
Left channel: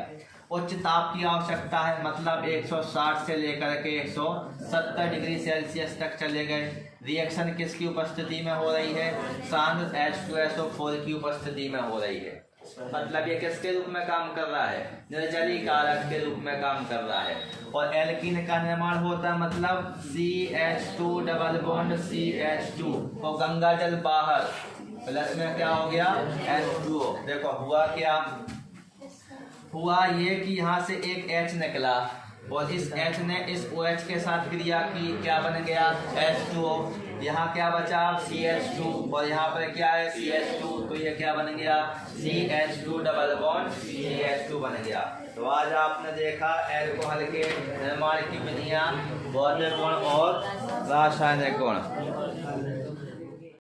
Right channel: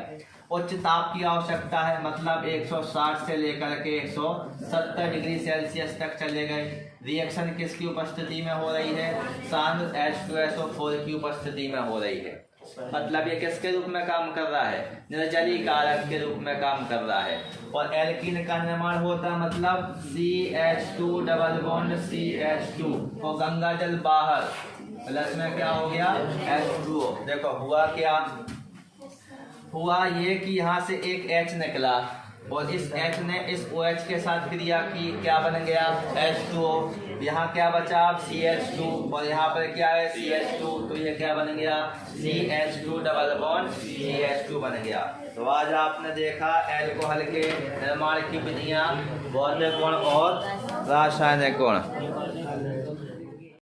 उच्च ताप की आवश्यकता है, मतलब 160 से लेकर के 170 डिग्री सेल्सियस तक चले गए। रिएक्शन किसकी उपस्थिति में हो रही है, शांत H2SO4 की उपस्थिति में हो रही है। मतलब ये किसके रूप में काम कर रहा है, निर्जलीकारक के रूप में काम कर रहा है। और एल्कीन का निर्माण होता है, मतलब CH2 डबल बॉन्ड CH2 और गंगा जल बाहर, प्लस में क्या हो गया, H2O। देखो हुआ क्या, हुआ ये कि यहाँ से एक H निकला और इस H ने इस OH के साथ क्रिया की, क्या बन गया, H2O। यहाँ क्या बचा, CH2, और यहाँ पर क्या है, CH2। तो ये क्या बन गया, CH2 डबल बॉन्ड CH2 बन गया। तो आज आपने देखा अल्कोहल के निर्माण की विधियाँ, भौतिक गुण और रासायनिक गुण।